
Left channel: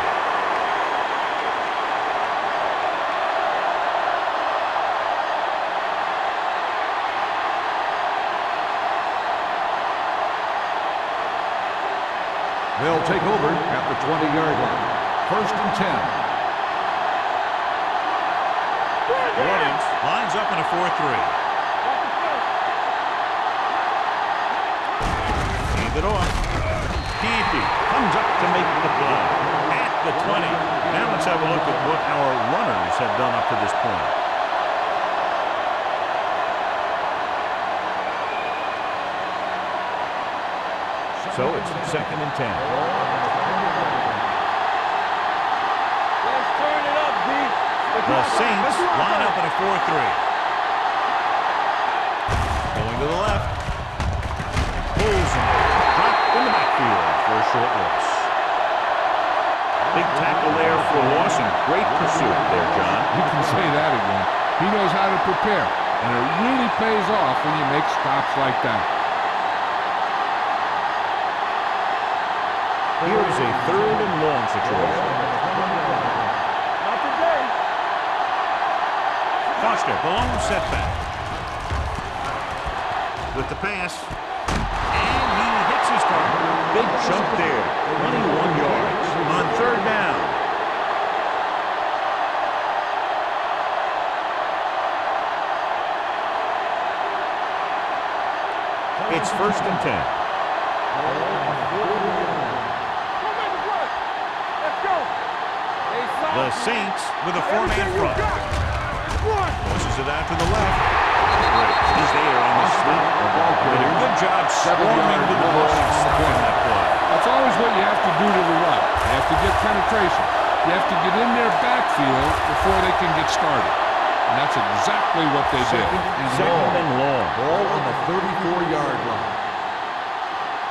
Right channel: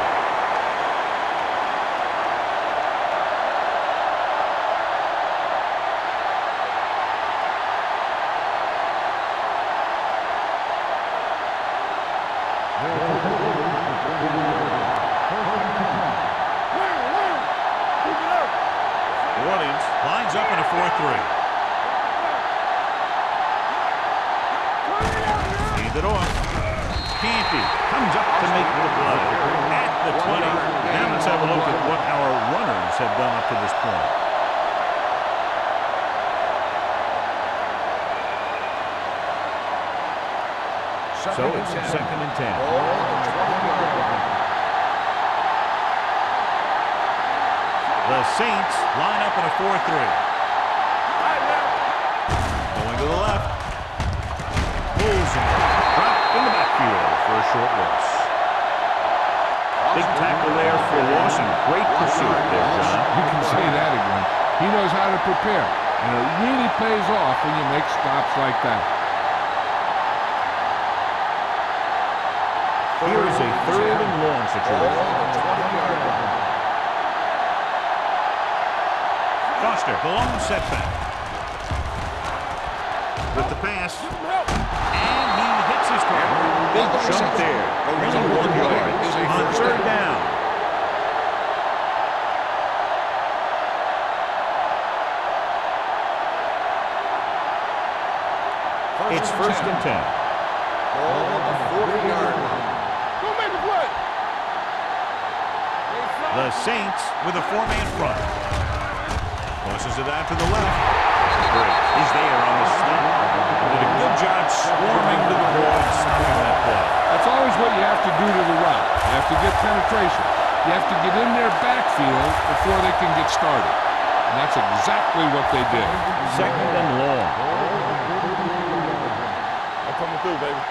They'll take over at the 20-yard line. First and 10. New Orleans lines up in a 4-3. Hand it off. Canty comes up to make the play at the 20. Now let's have a look at what our runners have done up to this point. So it's 2nd and 10. Ball on the 20-yard line. The Saints line up in a 4-3. Going to the left. Pulls and dropped in the backfield for a short loss. Big tackle there for a loss and great pursuit there, John. You can say that again. He knows how to prepare, and it really pays off when you make stops like that. Here is a 3rd and long situation. Foster, the lone setback. With the pass. And he hits his target. Big jump there. 21 yards on 3rd down. It's 1st and 10. Ball on the 40-yard line. Don't make the play. Let's go. The Saints with a 4-man front. Pushes it out to the left. Great. He's there on the stop. And did a good job swarming to the ball and stopping that play. That's always what you have to do to the run. You have to get penetration. You have to get in their backfield before they can get started. And that's exactly what they did. 2nd and long. Ball on the 34-yard line. I'm coming through, baby.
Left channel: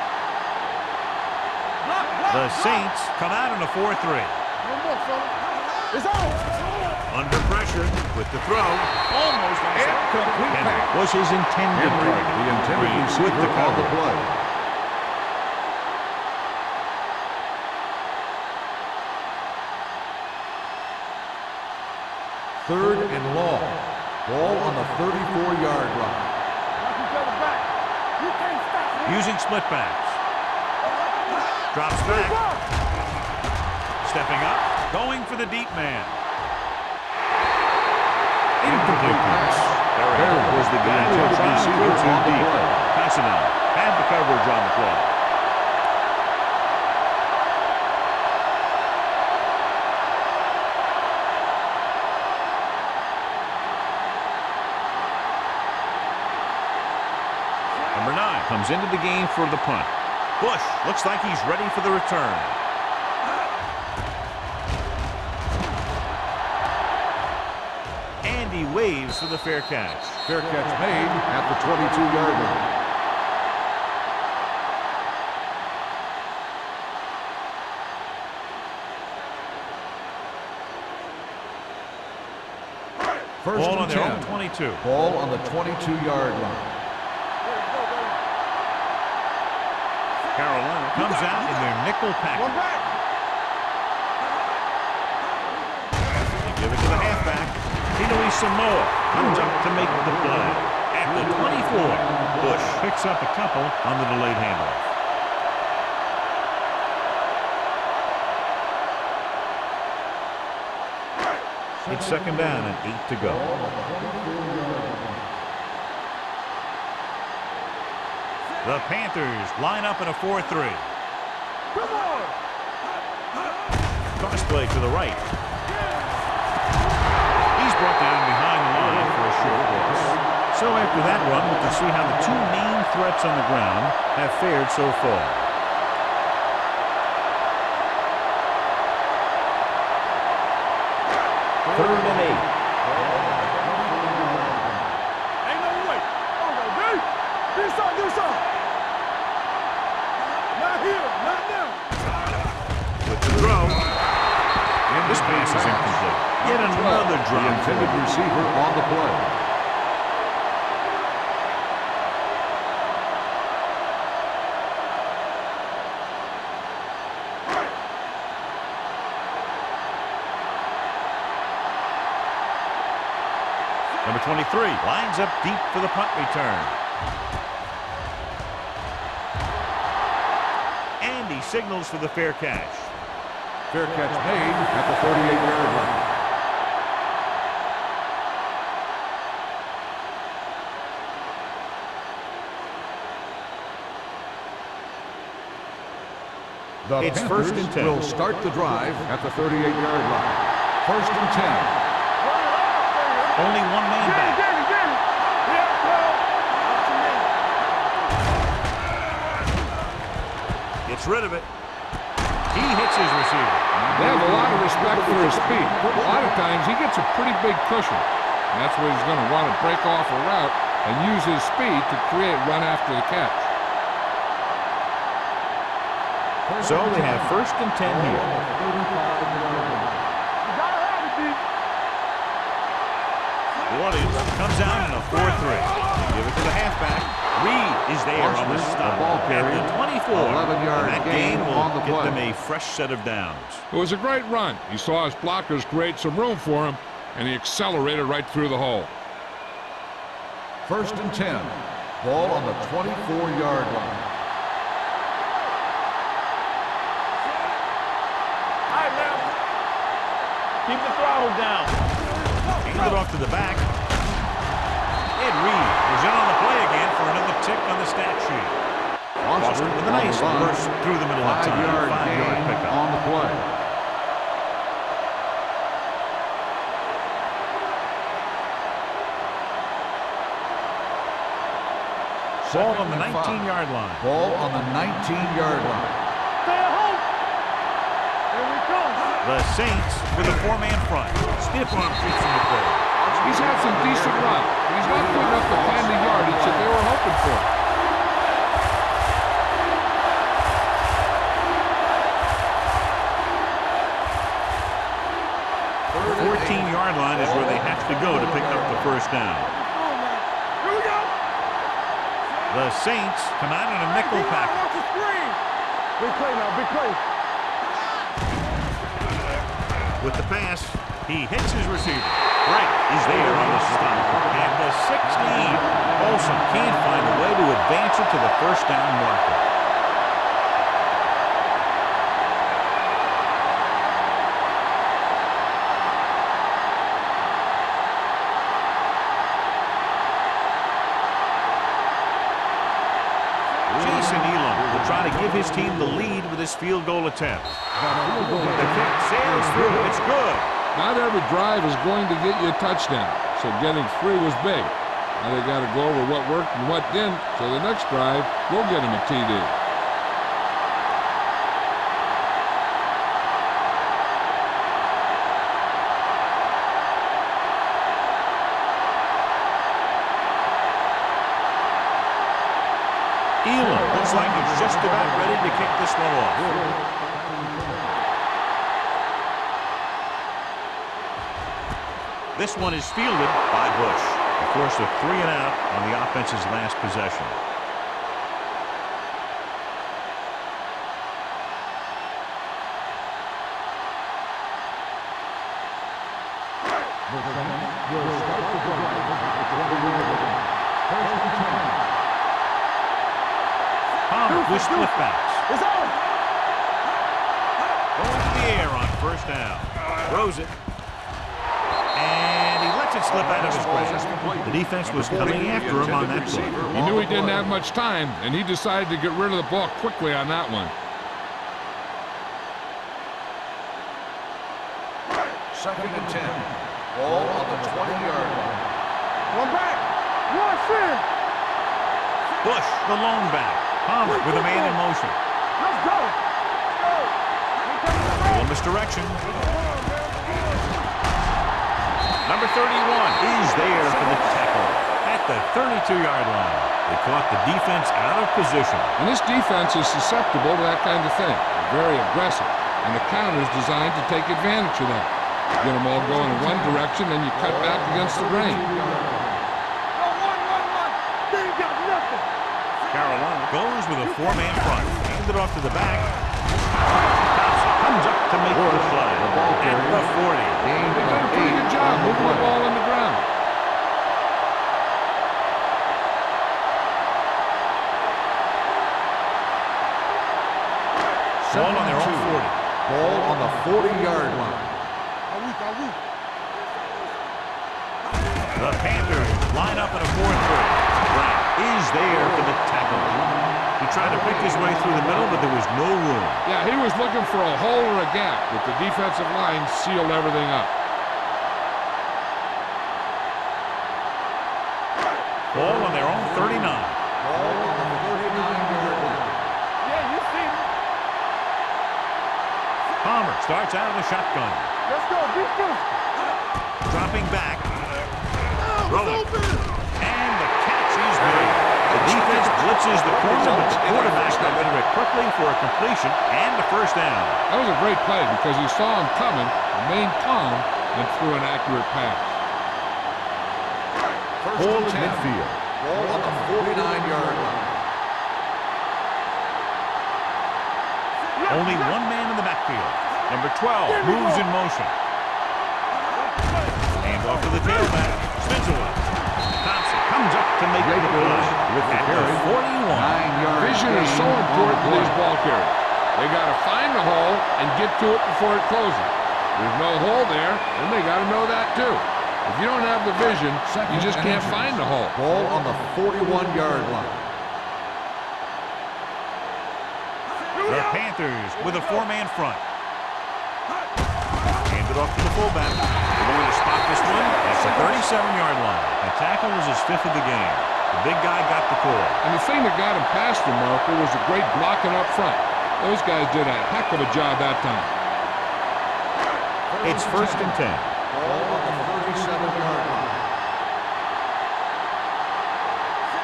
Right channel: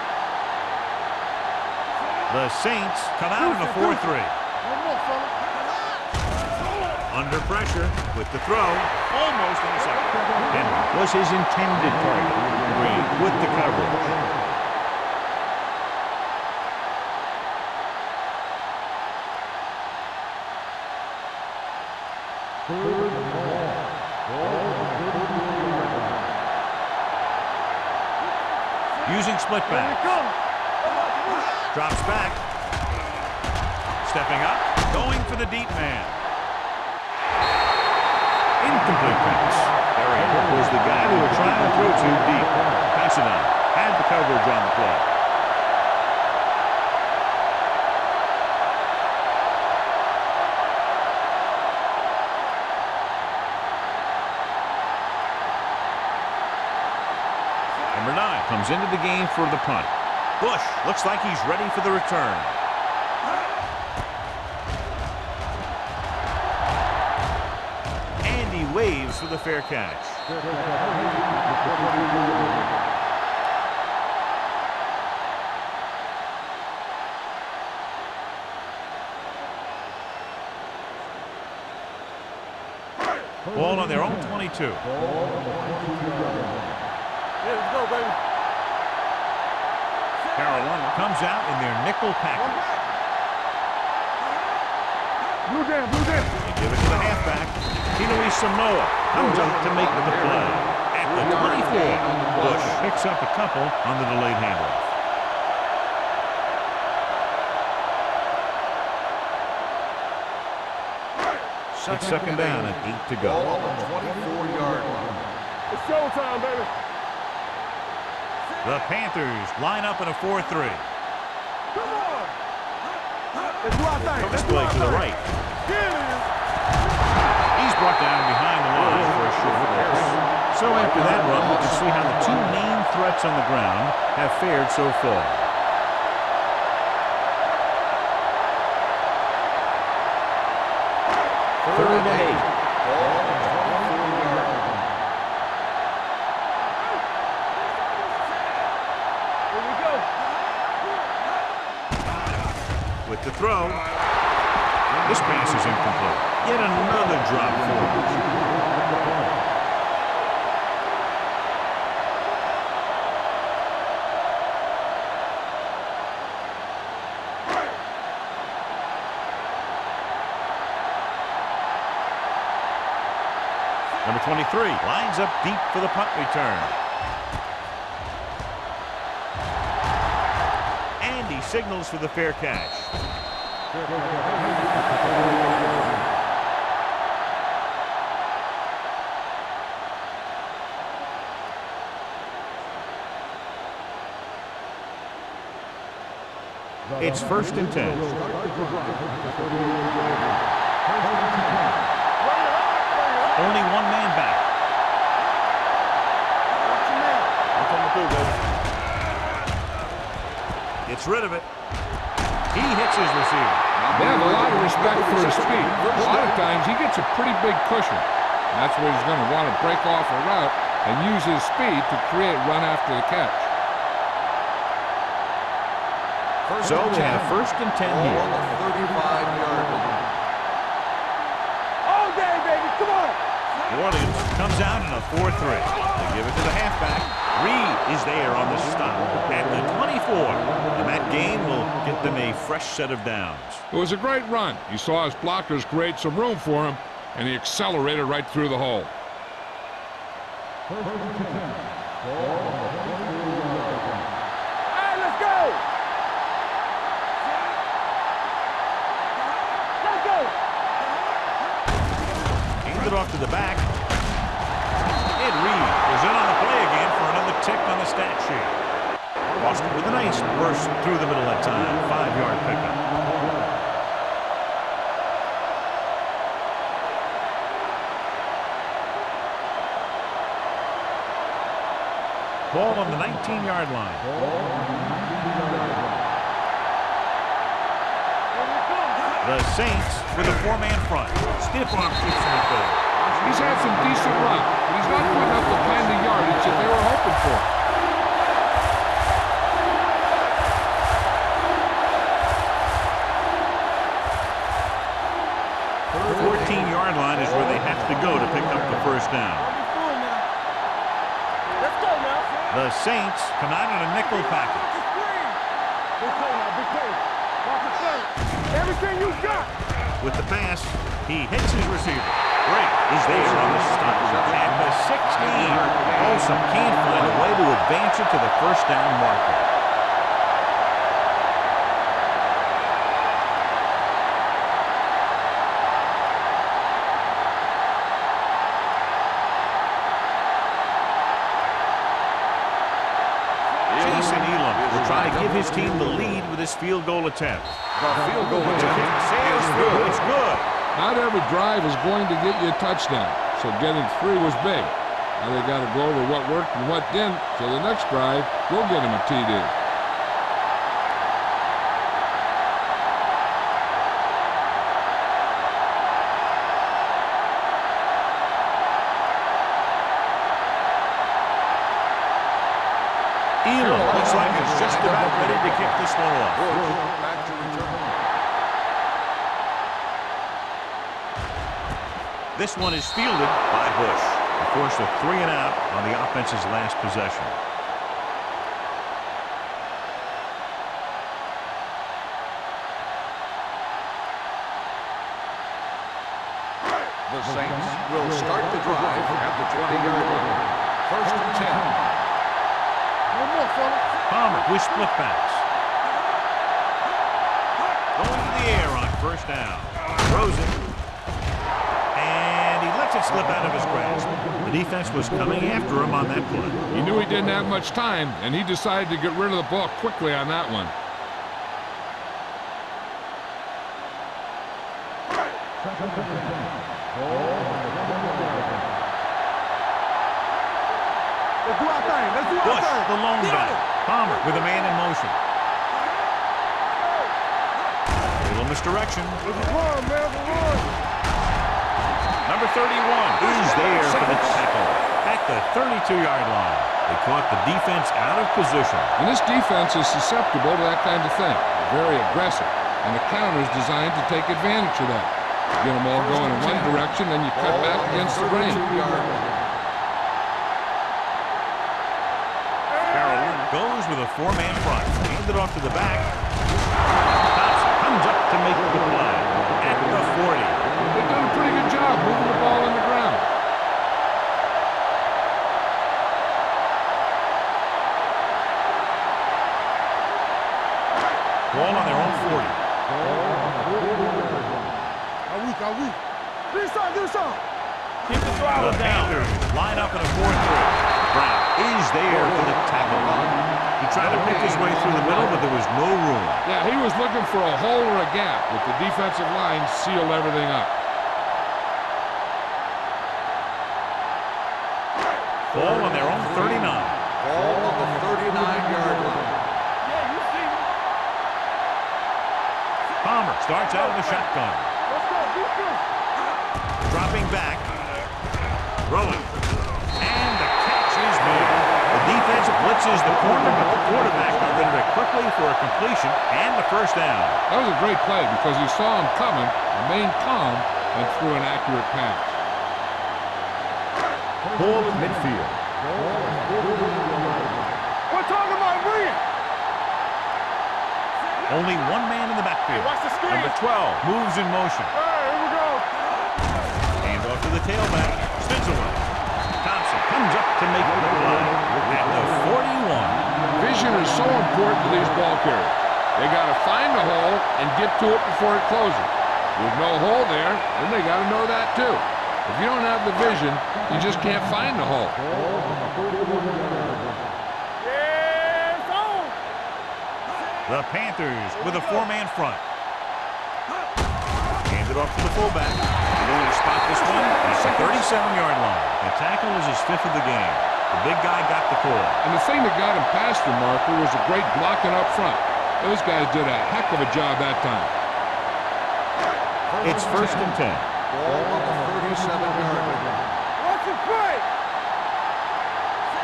The Saints come out in a 4-3. One more, fella. It's on. Under pressure with the throw. Almost intercepted. Henry was his intended target. Green with the coverage. Third and long. Ball on the 34-yard line. You can't stop. Using split backs. Drops back. Stepping up. Going for the deep man. Incomplete pass. Barry was the guy they were trying to throw to deep. Considine had the coverage on the play. Number 9 comes into the game for the punt. Bush looks like he's ready for the return. And he waves for the fair catch. Fair catch made at the 22-yard line. Ball on their own 22. Ball on the 22-yard line. Here we go, baby. Carolina comes out in their nickel One package. back. They give it to the halfback. Kinui Samoa comes up to make the play. At the 24, Bush picks up a couple on the delayed handoff. It's 2nd down and 8 to go. Ball on the 24-yard line. It's showtime, baby. The Panthers line up in a 4-3. Come on. It's right back. Toss play to the right. He's brought down behind the line for a short loss. So after that run, we can see how the 2 main threats on the ground have fared so far. Third and 8. Ball on the 24-yard line. Ain't no way. Hold on, baby. Do something, do something. Here we go. Not here. With the throw. This pass is incomplete. Yet another drop for The him. receiver on the play. Number 23 lines up deep for the punt return. And he signals for the fair catch. Fair catch made at the 38-yard line. The It's 1st and 10. will start the drive at the 38-yard line. 1st and 10. Bring it up, bring it up. Only one man back. Watch your man. Gets rid of it. He hits his receiver. They have a lot of respect for his speed. A lot of times he gets a pretty big cushion. And that's where he's going to want to break off a route and use his speed to create run after the catch. So they have 1st and 10 here. New Orleans comes out in a 4-3. They give it to the halfback. Reed is there on the stop at the 24. And that gain will get them a fresh set of downs. It was a great run. He saw his blockers create some room for him, and he accelerated right through the hole. 1st and 10. Ball on the 24-yard line. Keep the throttle down. Handed off to the back. Ed Reed was in on the play again for another tick on the stat sheet. Boston with a nice burst through the middle that time. 5-yard pickup. On the play. Ball on the 19-yard line. Ball on the 19-yard line. The Saints with a 4-man front. Stiff arm keeps him at bay. He's had some decent runs, but he's not putting up the kind of yardage that they were hoping for. 14-yard line is where they have to go to pick up the 1st down. The Saints come out in a nickel package. Big play now, big play. With the pass, he hits his receiver. Drake is there on the stop at the 16. Olsen can't find a way to advance it to the 1st down marker. Jason Elam will try to give his team the lead with his field goal attempt. The kick sails through. It's good. Not every drive is going to get you a touchdown, so getting 3 was big. Now they got to go over what worked and what didn't, so the next drive will get him a TD. Elam looks like he's just about ready to kick this one off. This one is fielded by Bush. He forced a 3-and-out on the offense's last possession. The Saints will start the drive at the 20-yard line. 1st and 10. Palmer with split backs. Going to the air on 1st down. Throws it. And he lets it slip out of his grasp. The defense was coming after him on that play. He knew he didn't have much time, and he decided to get rid of the ball quickly on that one. 2nd and 10. Ball on the 20-yard line. Bush, the lone back. Palmer with a man in motion. A little misdirection. Number 31 is there for the tackle at the 32-yard line. They caught the defense out of position. And this defense is susceptible to that kind of thing. They're very aggressive, and the counter is designed to take advantage of that. You get them all going in one direction, then you cut back against the grain. Carolina goes with a 4-man front. Handed off to the back. Thompson comes up to make the play at the 40. They've done a pretty good job moving the ball on the ground. Ball on their own 40. Ball on the 40-yard line. The Panthers line up in a 4-3. Brown is there for the tackle. He tried to pick his way through the middle, but there was no room. Yeah, he was looking for a hole or a gap, but the defensive line sealed everything up. Ball on their own 39. Ball on the 39-yard line. Yeah, you see me. Palmer starts out of the shotgun. Let's go, beat you. Dropping back. Rolling. And the catch is made. The defense blitzes the corner, but the quarterback got rid of it quickly for a completion and the first down. That was a great play because he saw him coming, remained calm, and threw an accurate pass. Ball at midfield. Ball on the 49-yard line. We're talking about win. Only one man in the backfield. Watch the screen. Number 12 moves in motion. All right, here we go. Hand off to the tailback. Spins away. Thompson comes up to make the play at the 41. Vision is so important to these ball carriers. They got to find the hole and get to it before it closes. There's no hole there, then they got to know that too. If you don't have the vision, you just can't find the hole. Ball on the 41-yard line. It's on. The Panthers with a four-man front. Hand it off to the fullback. They're going to spot this one at the 37-yard line. The tackle is his fifth of the game. The big guy got the call. And the thing that got him past the marker was the great blocking up front. Those guys did a heck of a job that time. It's first and 10. Ball on the 37-yard line. Watch the play.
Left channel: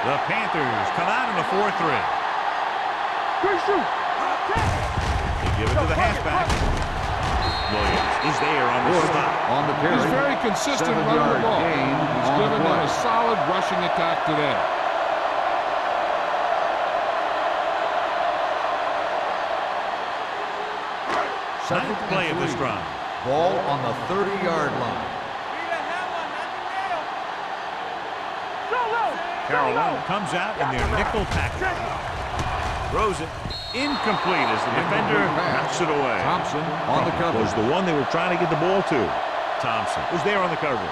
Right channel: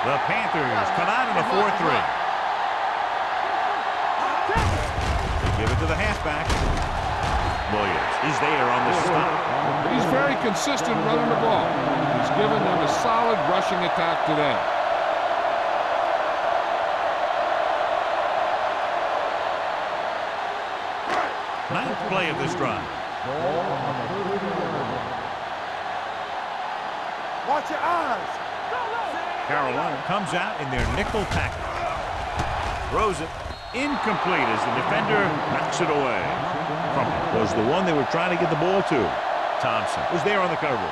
The Panthers come out in a 4-3. Quick shoot. Take it. They give it to the halfback. Williams is there on the stop. On the carry. He's very consistent running the ball. He's given them a solid rushing attack today. Ninth play of this drive. Ball on the 30-yard line. Watch your eyes. Go low. Carolina comes out in their nickel package. Throws it. Incomplete as the defender knocks it away. Thompson on the Crumpler cover. was the one they were trying to get the ball to. Thompson was there on the coverage.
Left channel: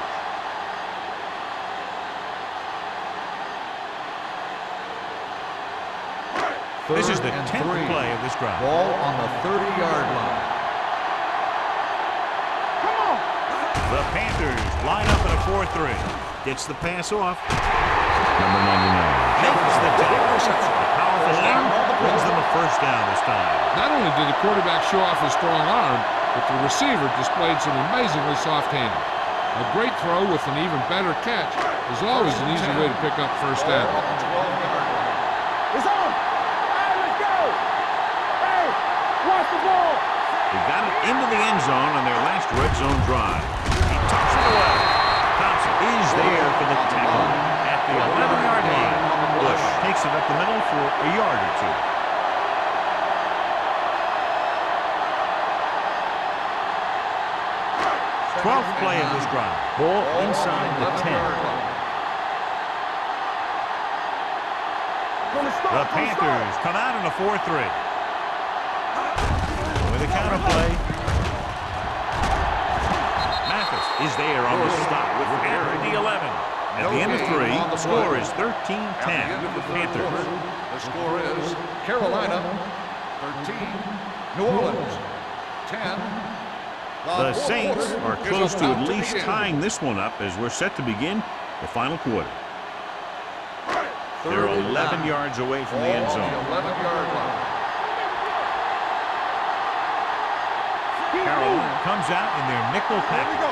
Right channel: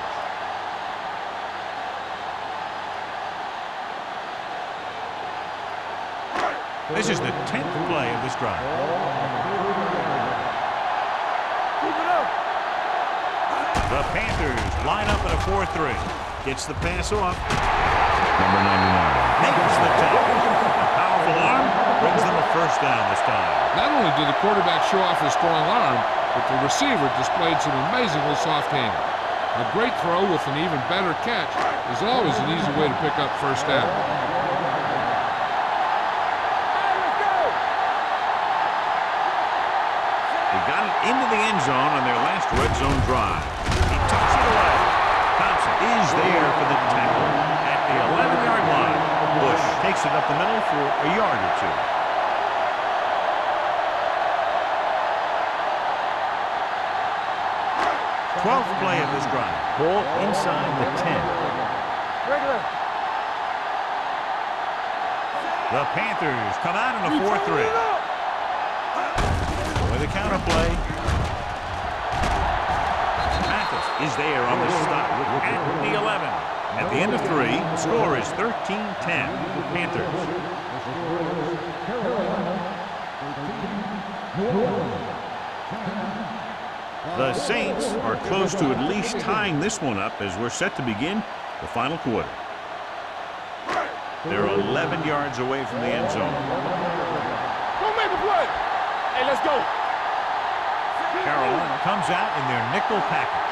This is the 10th play of this drive. Ball on the 30-yard line. Keep it up. Come on. The Panthers line up in a 4-3. Gets the pass off. Number 99 makes the tackle. A powerful arm brings them a first down this time. Not only did the quarterback show off his strong arm, but the receiver displayed some amazingly soft hands. A great throw with an even better catch is always an easy way to pick up first down. It's on. Hey, let's go. Hey, watch the ball. They got it into the end zone on their last red zone drive. He tucks it away. Thompson is there for the tackle at the 11-yard line. Bush takes it up the middle for a yard or two. Twelfth play of this drive. Ball inside the 10. The Panthers come out in a 4-3. With a counter play. Mathis is there on the stop at the 11. At the end of 3, the score is 13-10. Panthers. The score is Carolina 13, New Orleans 10. The Saints are close to at least tying this one up as we're set to begin the final quarter. They're 11 yards away from the end zone. 11-yard line. Don't make a play. Hey, let's go. Carolina comes out in their nickel package.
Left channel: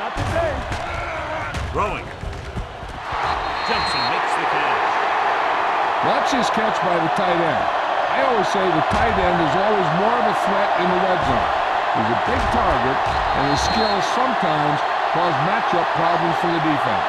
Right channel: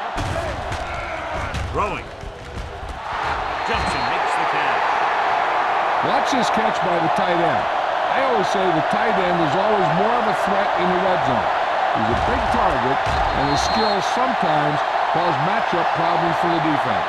Not today. Throwing. Jumps and makes the catch. Watch this catch by the tight end. I always say the tight end is always more of a threat in the red zone. He's a big target, and his skills sometimes cause matchup problems for the defense.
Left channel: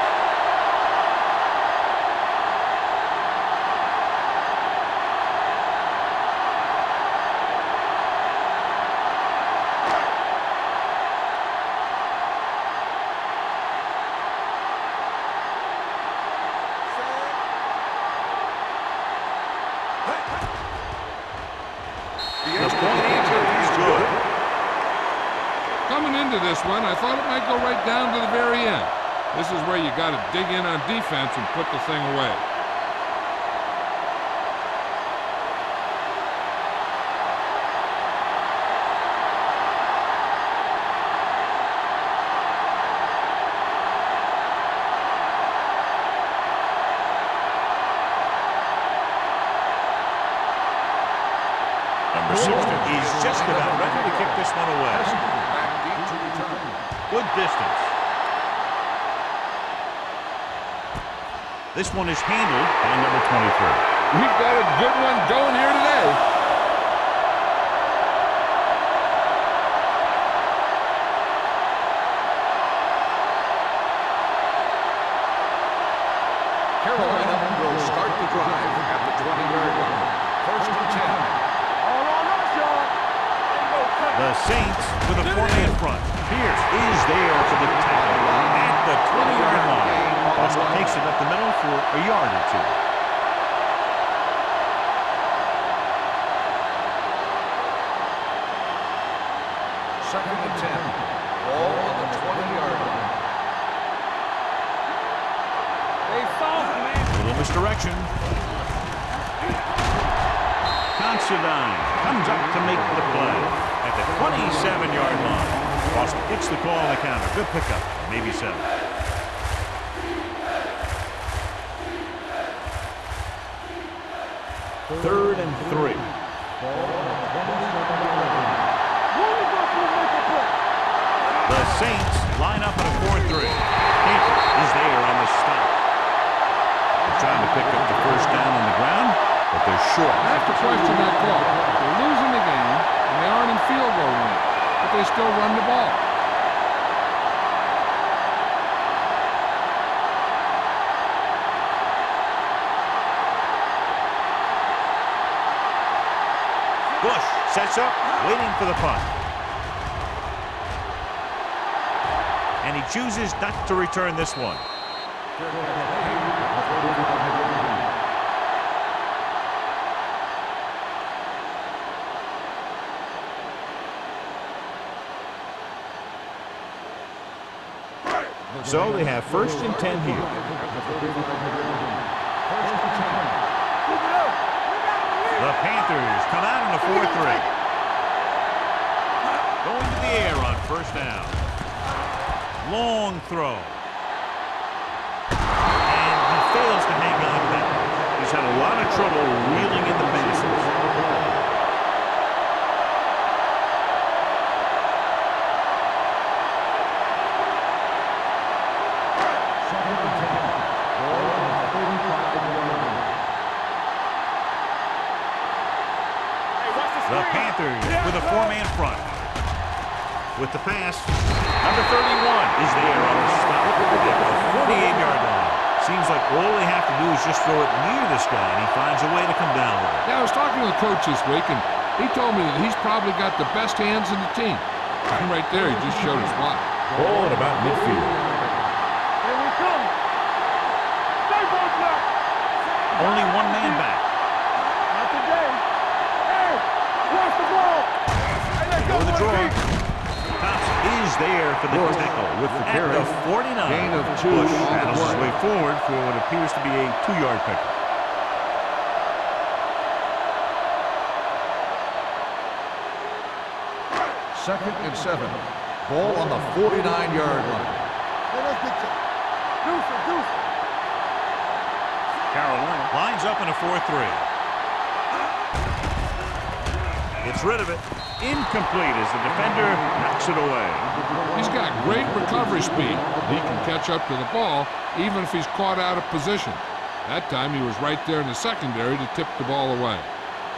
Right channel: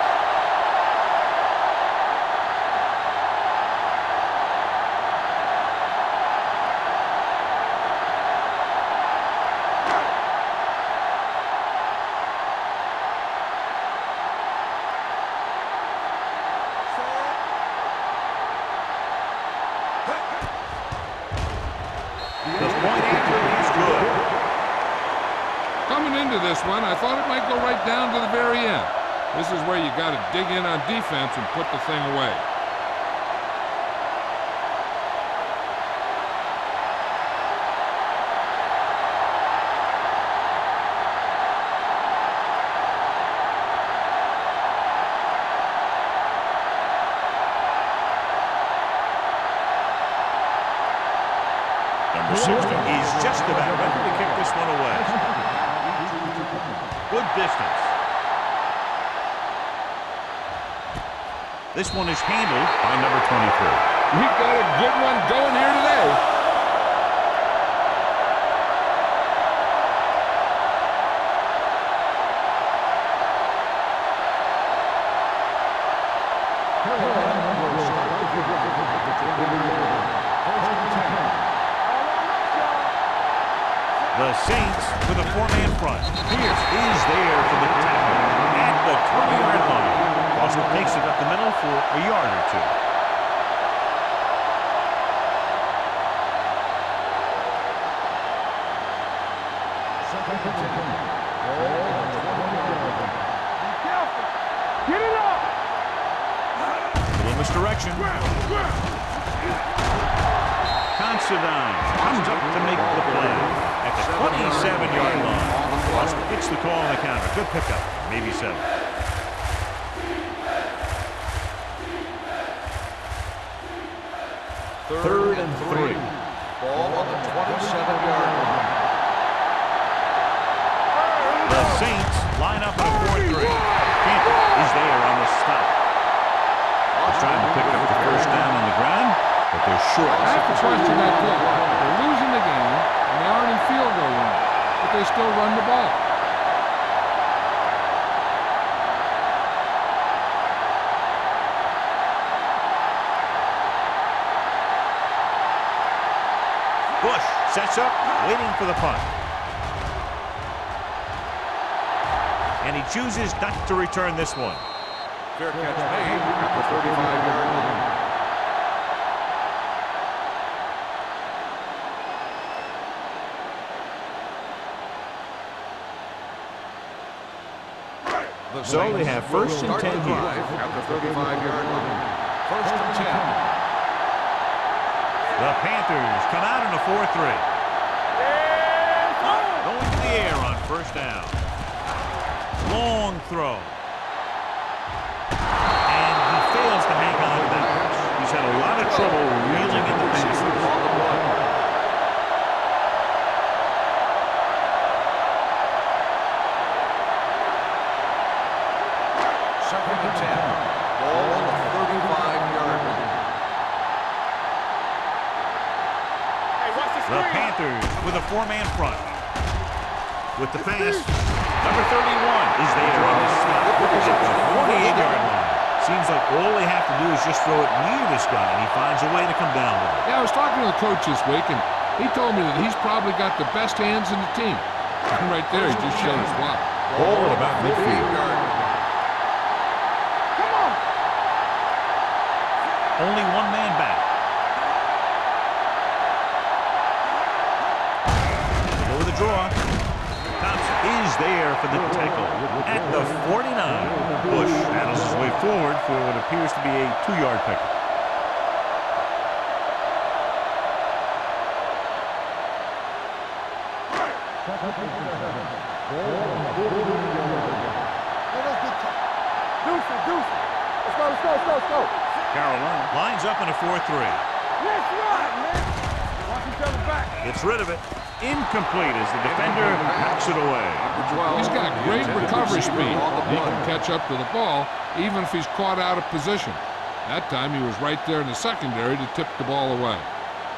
The point answer is good. Coming into this one, I thought it might go right down to the very end. This is where you got to dig in on defense and put the thing away. The Number 60 is just about ready to kick this one away. Back deep to return. Good distance. This one is handled by number 23. We've got a good one going here today. Carolina will start the drive at the 20-yard line. First and 10. All on us, y'all. The Saints with a four-man front. Pierce is there for the tackle at the 20-yard line. Boston takes it up the middle for a yard or two. Second and 10. Ball on the 20-yard line. Get it up. Hey, Little misdirection. Considine comes up to make the play at the 27-yard line. Boston gets the call on the counter. Good pickup, maybe 7. Third and 3. Ball on the 27-yard line. The Saints line up in a 4-3. Cantor is there on the stop. Trying to pick up the first down on the ground, but they're short. I have to question that call. They're losing the game, and they aren't in field goal range, but they still run the ball. Bush sets up, waiting for the punt. And he chooses not to return this one. Fair catch made at the 35-yard line. So they have first and 10 here. At the 35-yard line. First and 10. The Panthers come out in a 4-3. Going to the air on first down. Long throw. And he fails to hang on to that. He's had a lot of trouble reeling in the passes. Second and 10. Ball on the 35-yard line. Hey, watch the The screen. Panthers with a four-man front. With the pass, number 31 is there on the stop at the 48-yard line. Seems like all they have to do is just throw it near this guy, and he finds a way to come down with it. Yeah, I was talking to the coach this week, and he told me that he's probably got the best hands in the team. And right there, he just showed us why. Ball at about midfield. Here we come. Come on. Stay close now. Only one man back. Not today. Hey, watch the ball. They go with the draw. Thompson is there for the tackle at the 49. Bush battles his way forward for what appears to be a 2-yard pickup. Second and 7. Ball on the 49-yard line. Let us get you. Deuce it, deuce it. Let's go. Carolina lines up in a 4-3. Let's run, man. Gets rid of it. Incomplete as the defender knocks it away. He's got great recovery speed. He can catch up to the ball even if he's caught out of position. That time he was right there in the secondary to tip the ball away.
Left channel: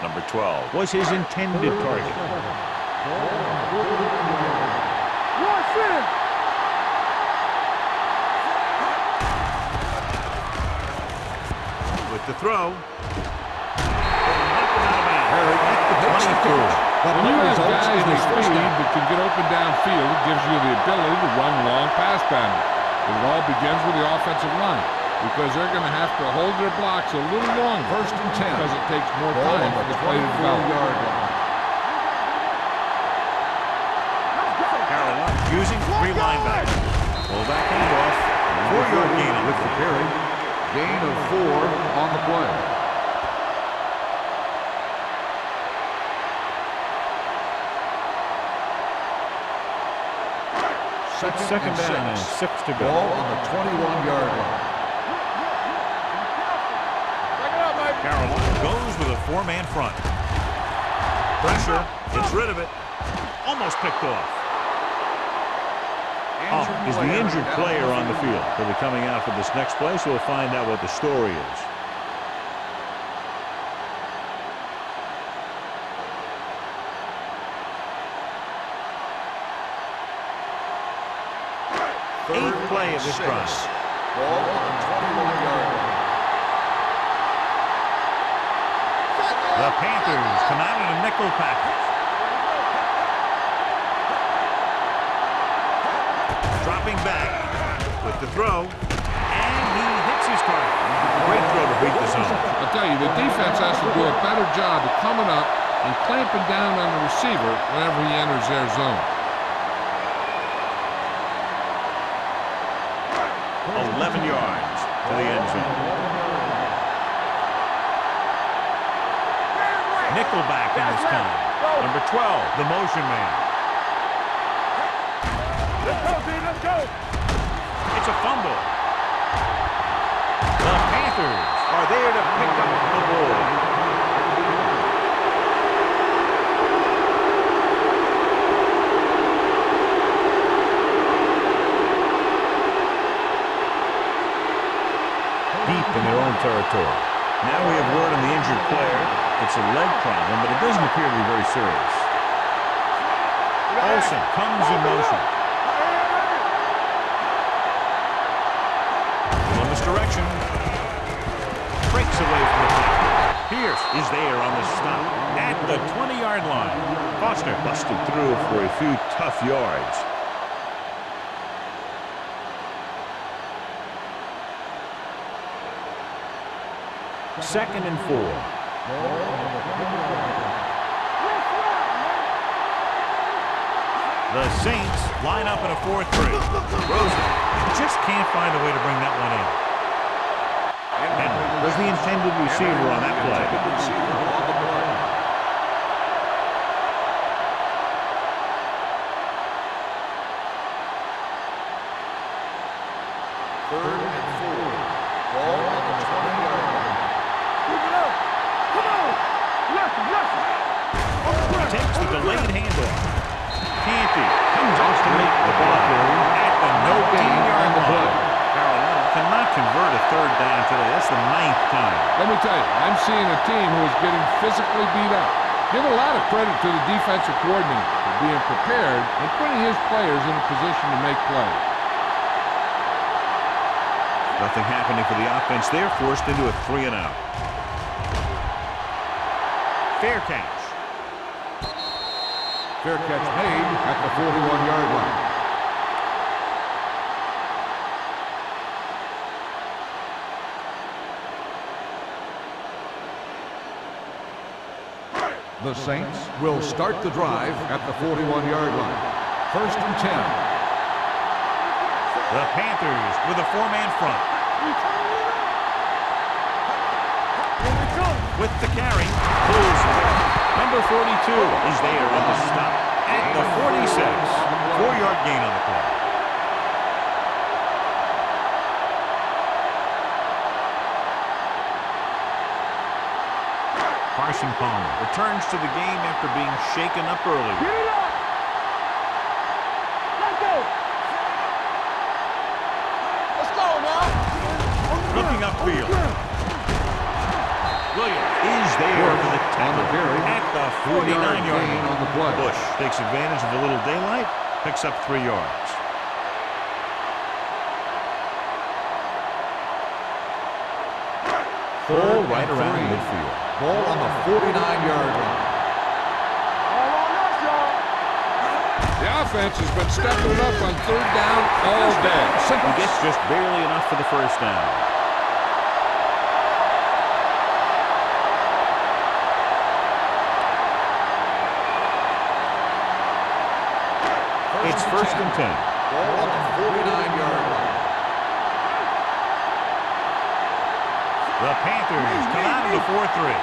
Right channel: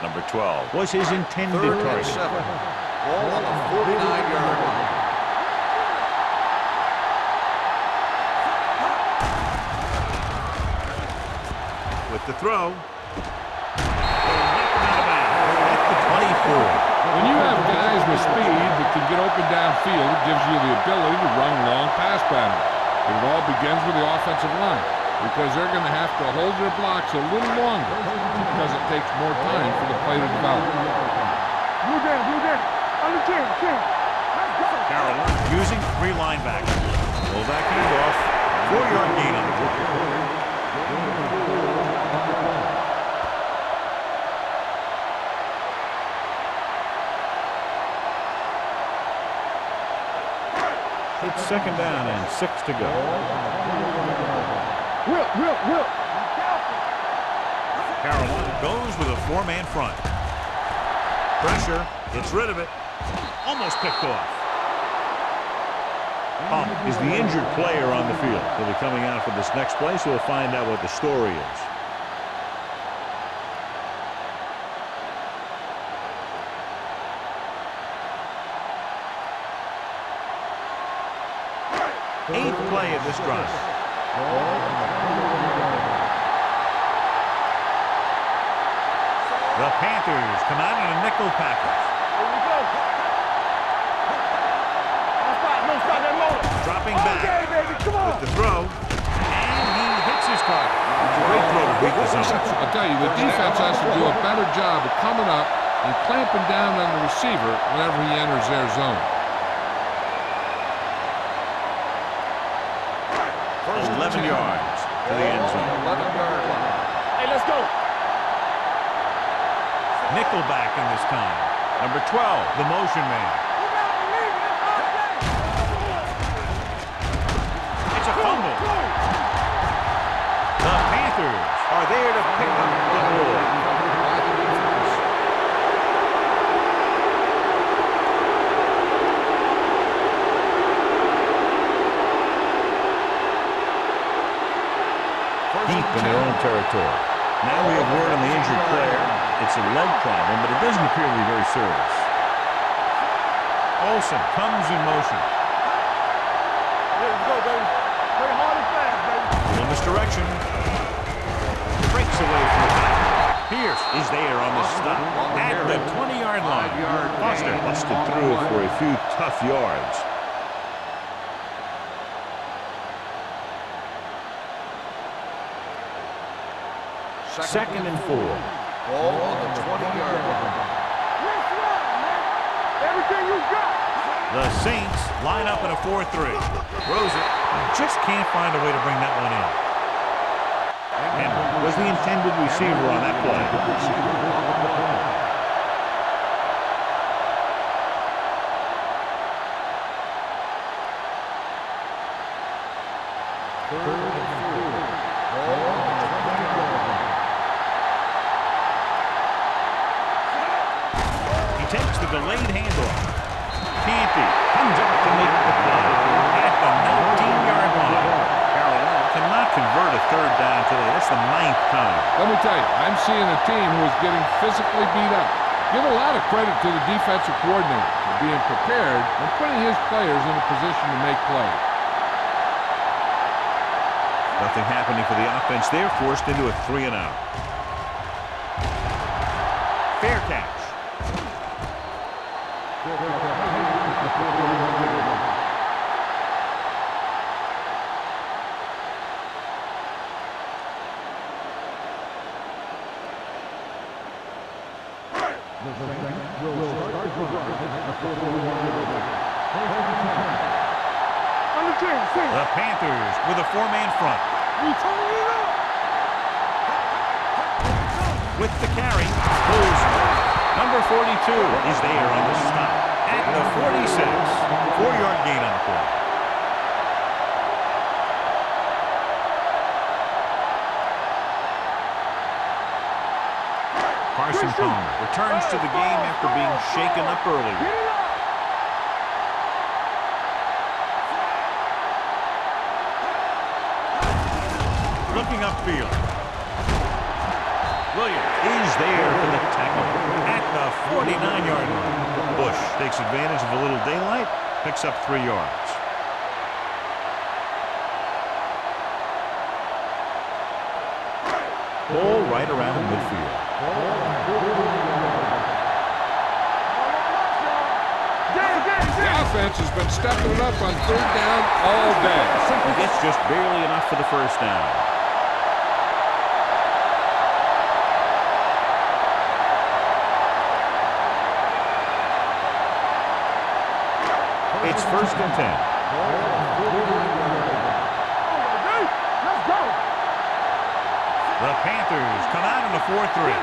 Number 12 was his intended target. Ball on the 49-yard line. Watch it. With the throw, they knock him out of bounds at the 24. When you have guys with speed that can get open downfield, it gives you the ability to run long pass patterns. But it all begins with the offensive line because they're going to have to hold their blocks a little longer First and 10. because it takes more time for the play to develop. You there. On the 10. Let's go. Carolina using 3 linebackers. Fullback handoff. 4-yard gain on the play. Gain of 4 on the play. It's second down and 6 to Ball go. on the 21-yard line. Will. Be careful. Check it out, baby. Carolina goes with a 4-man front. Pressure. Gets rid of it. Almost picked off. Is the injured player on the field. He'll be coming out for this next play, so we'll find out what the story is. Eighth play of this drive. Ball on the 21-yard line. The Panthers come out in a nickel package. Dropping back with the throw, and he hits his target. Great throw to beat the zone. I'll tell you, the defense has to do a better job of coming up and clamping down on the receiver whenever he enters their zone. 11 yards to the end zone. Hey, let's go. Nickelback in this time. Number 12, the motion man. It's a fumble. The Panthers are there to pick up the ball. Deep in their own territory. Now we have word on the injured player. It's a leg problem, but it doesn't appear to be very serious. Olsen comes in motion. Little misdirection. Breaks away from the tackle. Pierce is there on the stop at the 20-yard line. Foster busted through for a few tough yards. Second and 4. Ball on the 20-yard line. Let's run, man. Everything you got. The Saints line up in a 4-3. Throws it. You just can't find a way to bring that one in. Henry was the intended receiver on that play. Receiver on the play. Third and 4. Ball on the 20-yard line. He takes the delayed handoff. Canty comes up to make the play at the 19-yard line. Carolina cannot convert a third down today. That's the 9th time. Let me tell you, I'm seeing a team who is getting physically beat up. Give a lot of credit to the defensive coordinator for being prepared and putting his players in a position to make plays. Nothing happening for the offense. They're forced into a 3-and-out. Fair catch. Fair catch made at the 41-yard line. The Saints will start the drive at the 41-yard line. First and 10. The Panthers with a 4-man front. With the carry, pulls. Number 42 is there on the stop at the 46. 4-yard gain on the play. Carson Palmer returns to the game after being shaken up earlier. Get it up. Let's go. Looking upfield. Williams is there for the tackle at the 49-yard line. Bush takes advantage of a little daylight, picks up 3 yards. Ball right around midfield. Ball on the 49-yard line. All on us, y'all. The offense has been stepping it up on third down all day. He gets just barely enough for the first down. It's first and 10. Ball on the 49-yard line. The Panthers come out in a 4-3.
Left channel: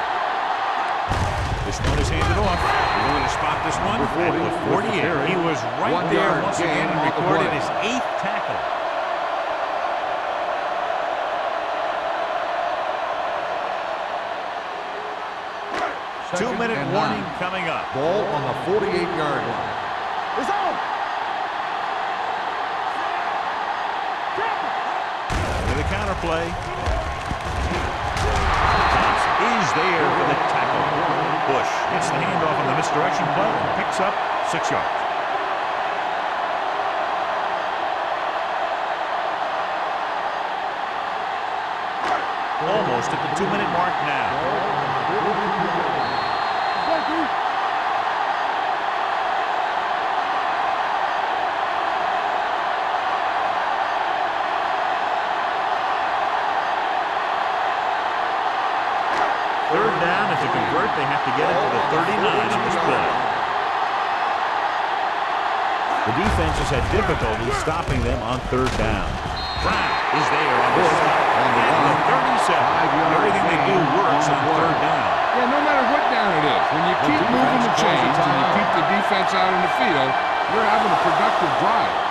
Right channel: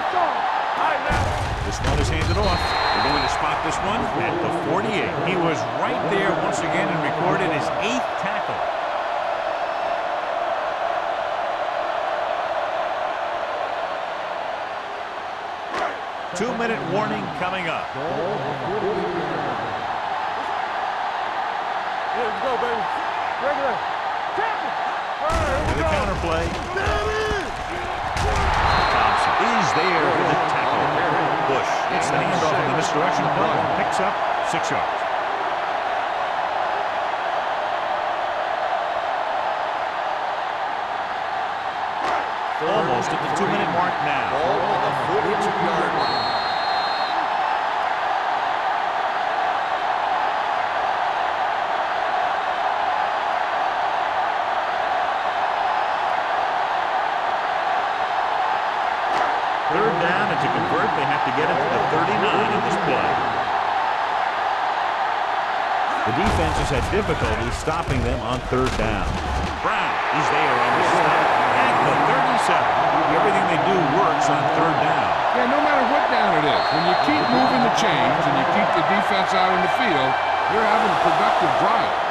This one is handed off. We're going to spot this one at the 48. He was right there once again and recorded his 8th tackle. 2-minute warning coming up. Ball on the 48-yard line. It's on. Here we go, baby. Regular. Tackle. With the counter play. Thompson is there for the tackle. Bush gets the handoff on the misdirection play and picks up 6 yards. Almost at the 2-minute mark now. Ball on the 42-yard line. Third down, and to convert, they have to get it to the 39 on this play. The defense has had difficulty stopping them on third down. Brown is there on the stop at the 37. Everything they do works on third down. Yeah, no matter what down it is, when you keep moving the chains and you keep the defense out in the field, you're having a productive drive.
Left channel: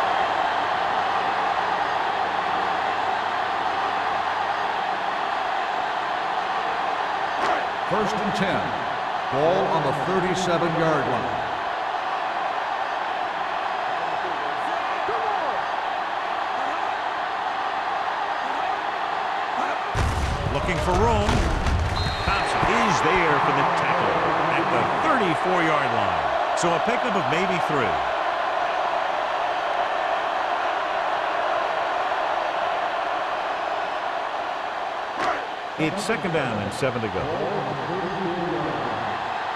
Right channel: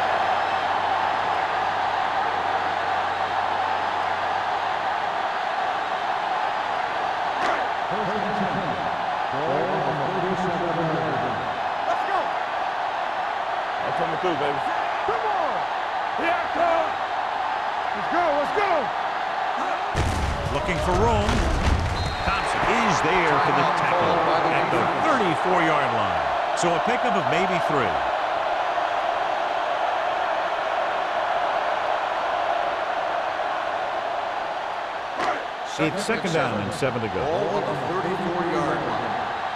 First and 10. Ball on the 37-yard line. That's what we do, baby. Come on. Yeah, come on. Let's go. Looking for room. Thompson is there for the tackle at the 34-yard line. So a pickup of maybe 3. It's second down and 7 to go. Ball on the 34-yard line.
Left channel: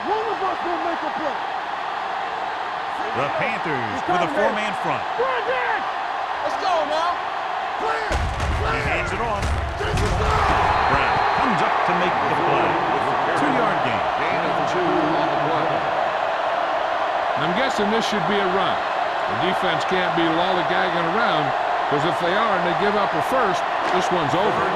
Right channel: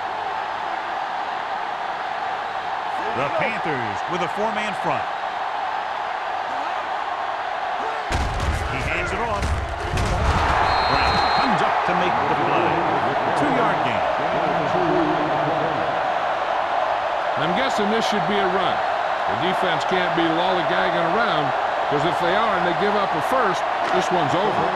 One of us will make a play. The Panthers with a 4-man front. Let's go now. He hands it off. Brown comes up to make the play. 2-yard gain. Gain of 2 on the play. I'm guessing this should be a run. The defense can't be lollygagging around, because if they are and they give up a first, this one's over.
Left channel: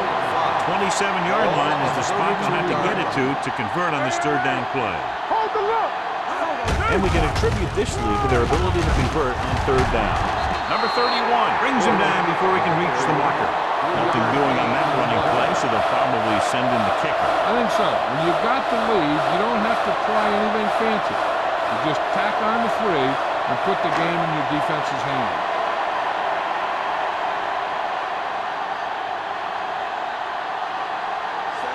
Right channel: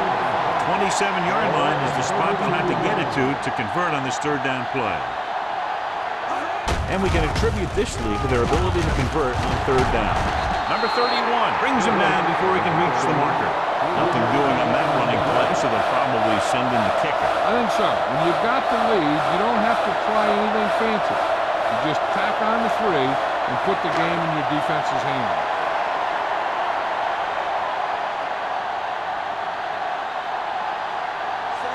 27-yard line is the spot they'll have to get it to convert on this third down play. Hold the look. And we can attribute this lead to their ability to convert on third down. Number 31 brings him down before he can reach the marker. Nothing doing on that running play, so they'll probably send in the kicker. I think so. When you've got the lead, you don't have to try anything fancy. You just tack on the 3 and put the game in your defense's hands.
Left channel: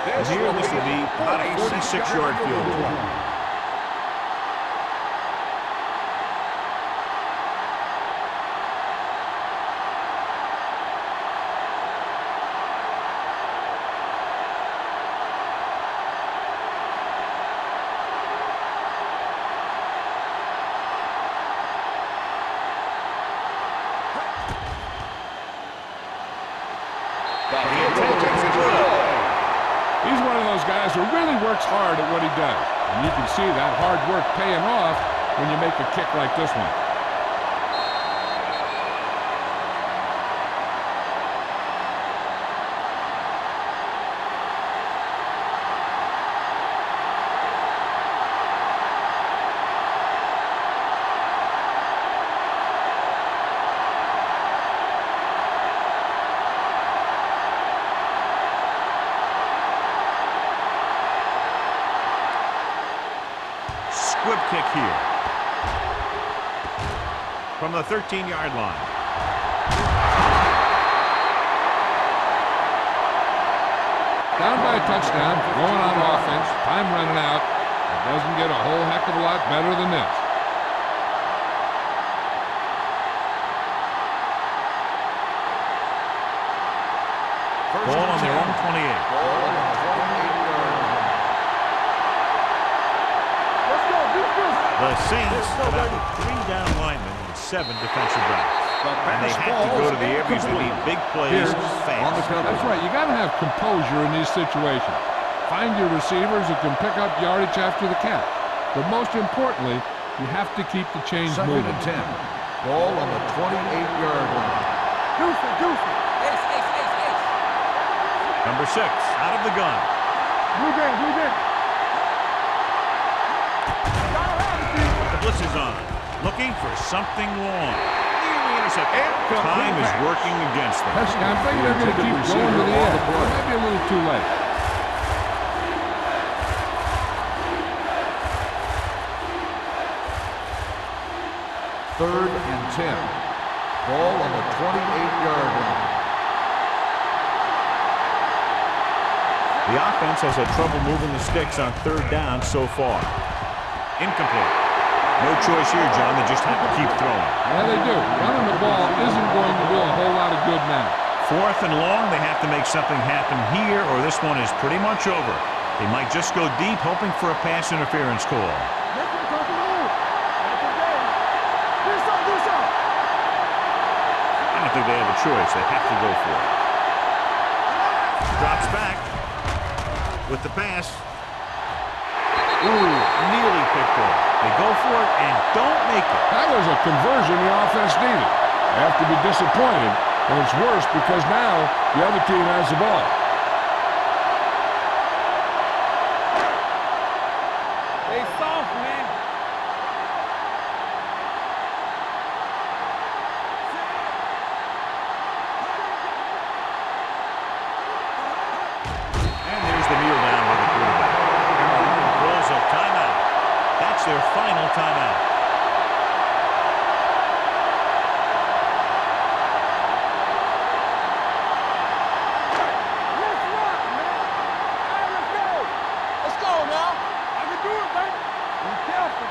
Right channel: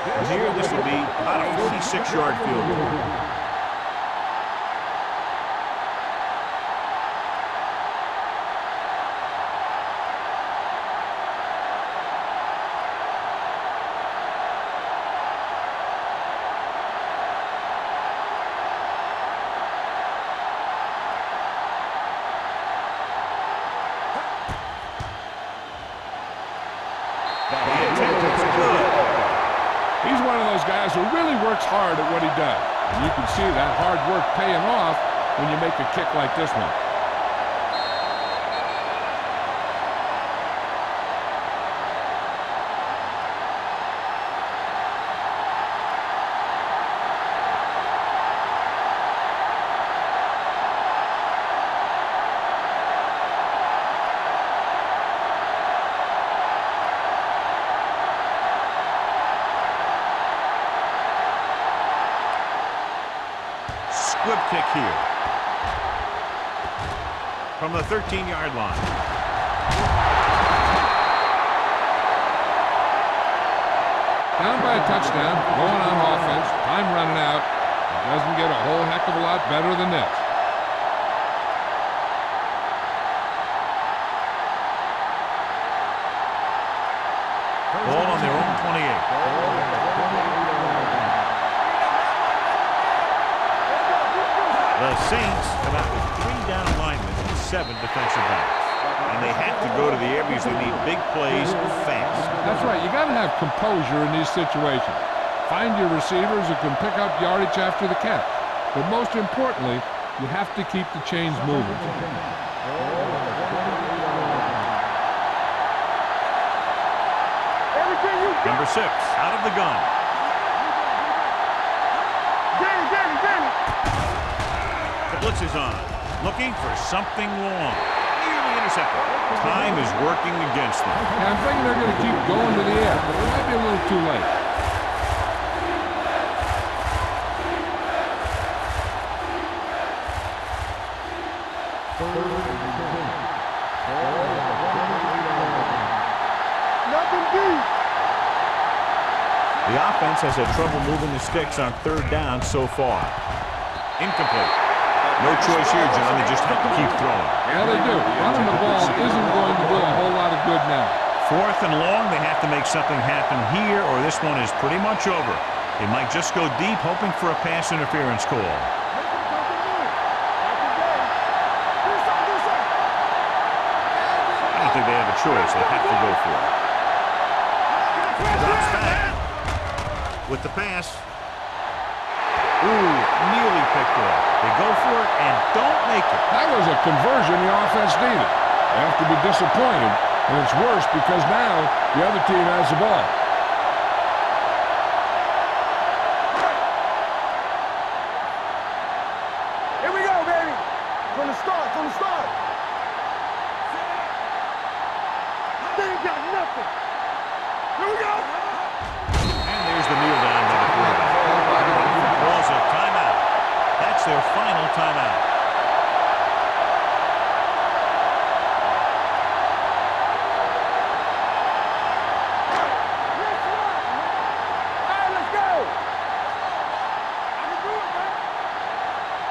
And here, this will be about a 46-yard field goal. The intent is good. He's one of those guys who really works hard at what he does. And you can see that hard work paying off when you make a kick like this one. Squib kick here. From the 13-yard line. Down by a touchdown, going on offense, time running out. It doesn't get a whole heck of a lot better than this. Ball on their own 28. Ball on the 28-yard line. Let's go. The Saints come out with 3 down linemen and 7 defensive backs. And they have to go to the air because they need big plays fast. That's right. You got to have composure in these situations. Find your receivers who can pick up yardage after the catch. But most importantly, you have to keep the chains moving. 10. Ball on the 28-yard line. Number 6 out of the gun. The blitz is on. Looking for something long. Nearly intercepted. Time is working against them. Yeah, I'm thinking they're going to keep going to the air. It might be a little too late. 3rd and 10. Ball on the 28-yard line. The offense has had trouble moving the sticks on 3rd down so far. Incomplete. No choice here, John. They just have to keep throwing. Yeah, they do. Running the ball isn't going to do a whole lot of good now. 4th and long, they have to make something happen here, or this one is pretty much over. They might just go deep, hoping for a pass interference call. I don't think they have a choice. They have to go for it. Drops back with the pass. Ooh, nearly picked off. They go for it and don't make it. That was a conversion the offense needed. They have to be disappointed, and it's worse because now the other team has the ball. They soft, man. Here we go, baby. From the start, from the start. Here we go. And there's the kneel down by the quarterback. Carolina calls a timeout. That's their final timeout. Let's run, man. All right, let's go. Let's go now. I can do it, baby. Be careful.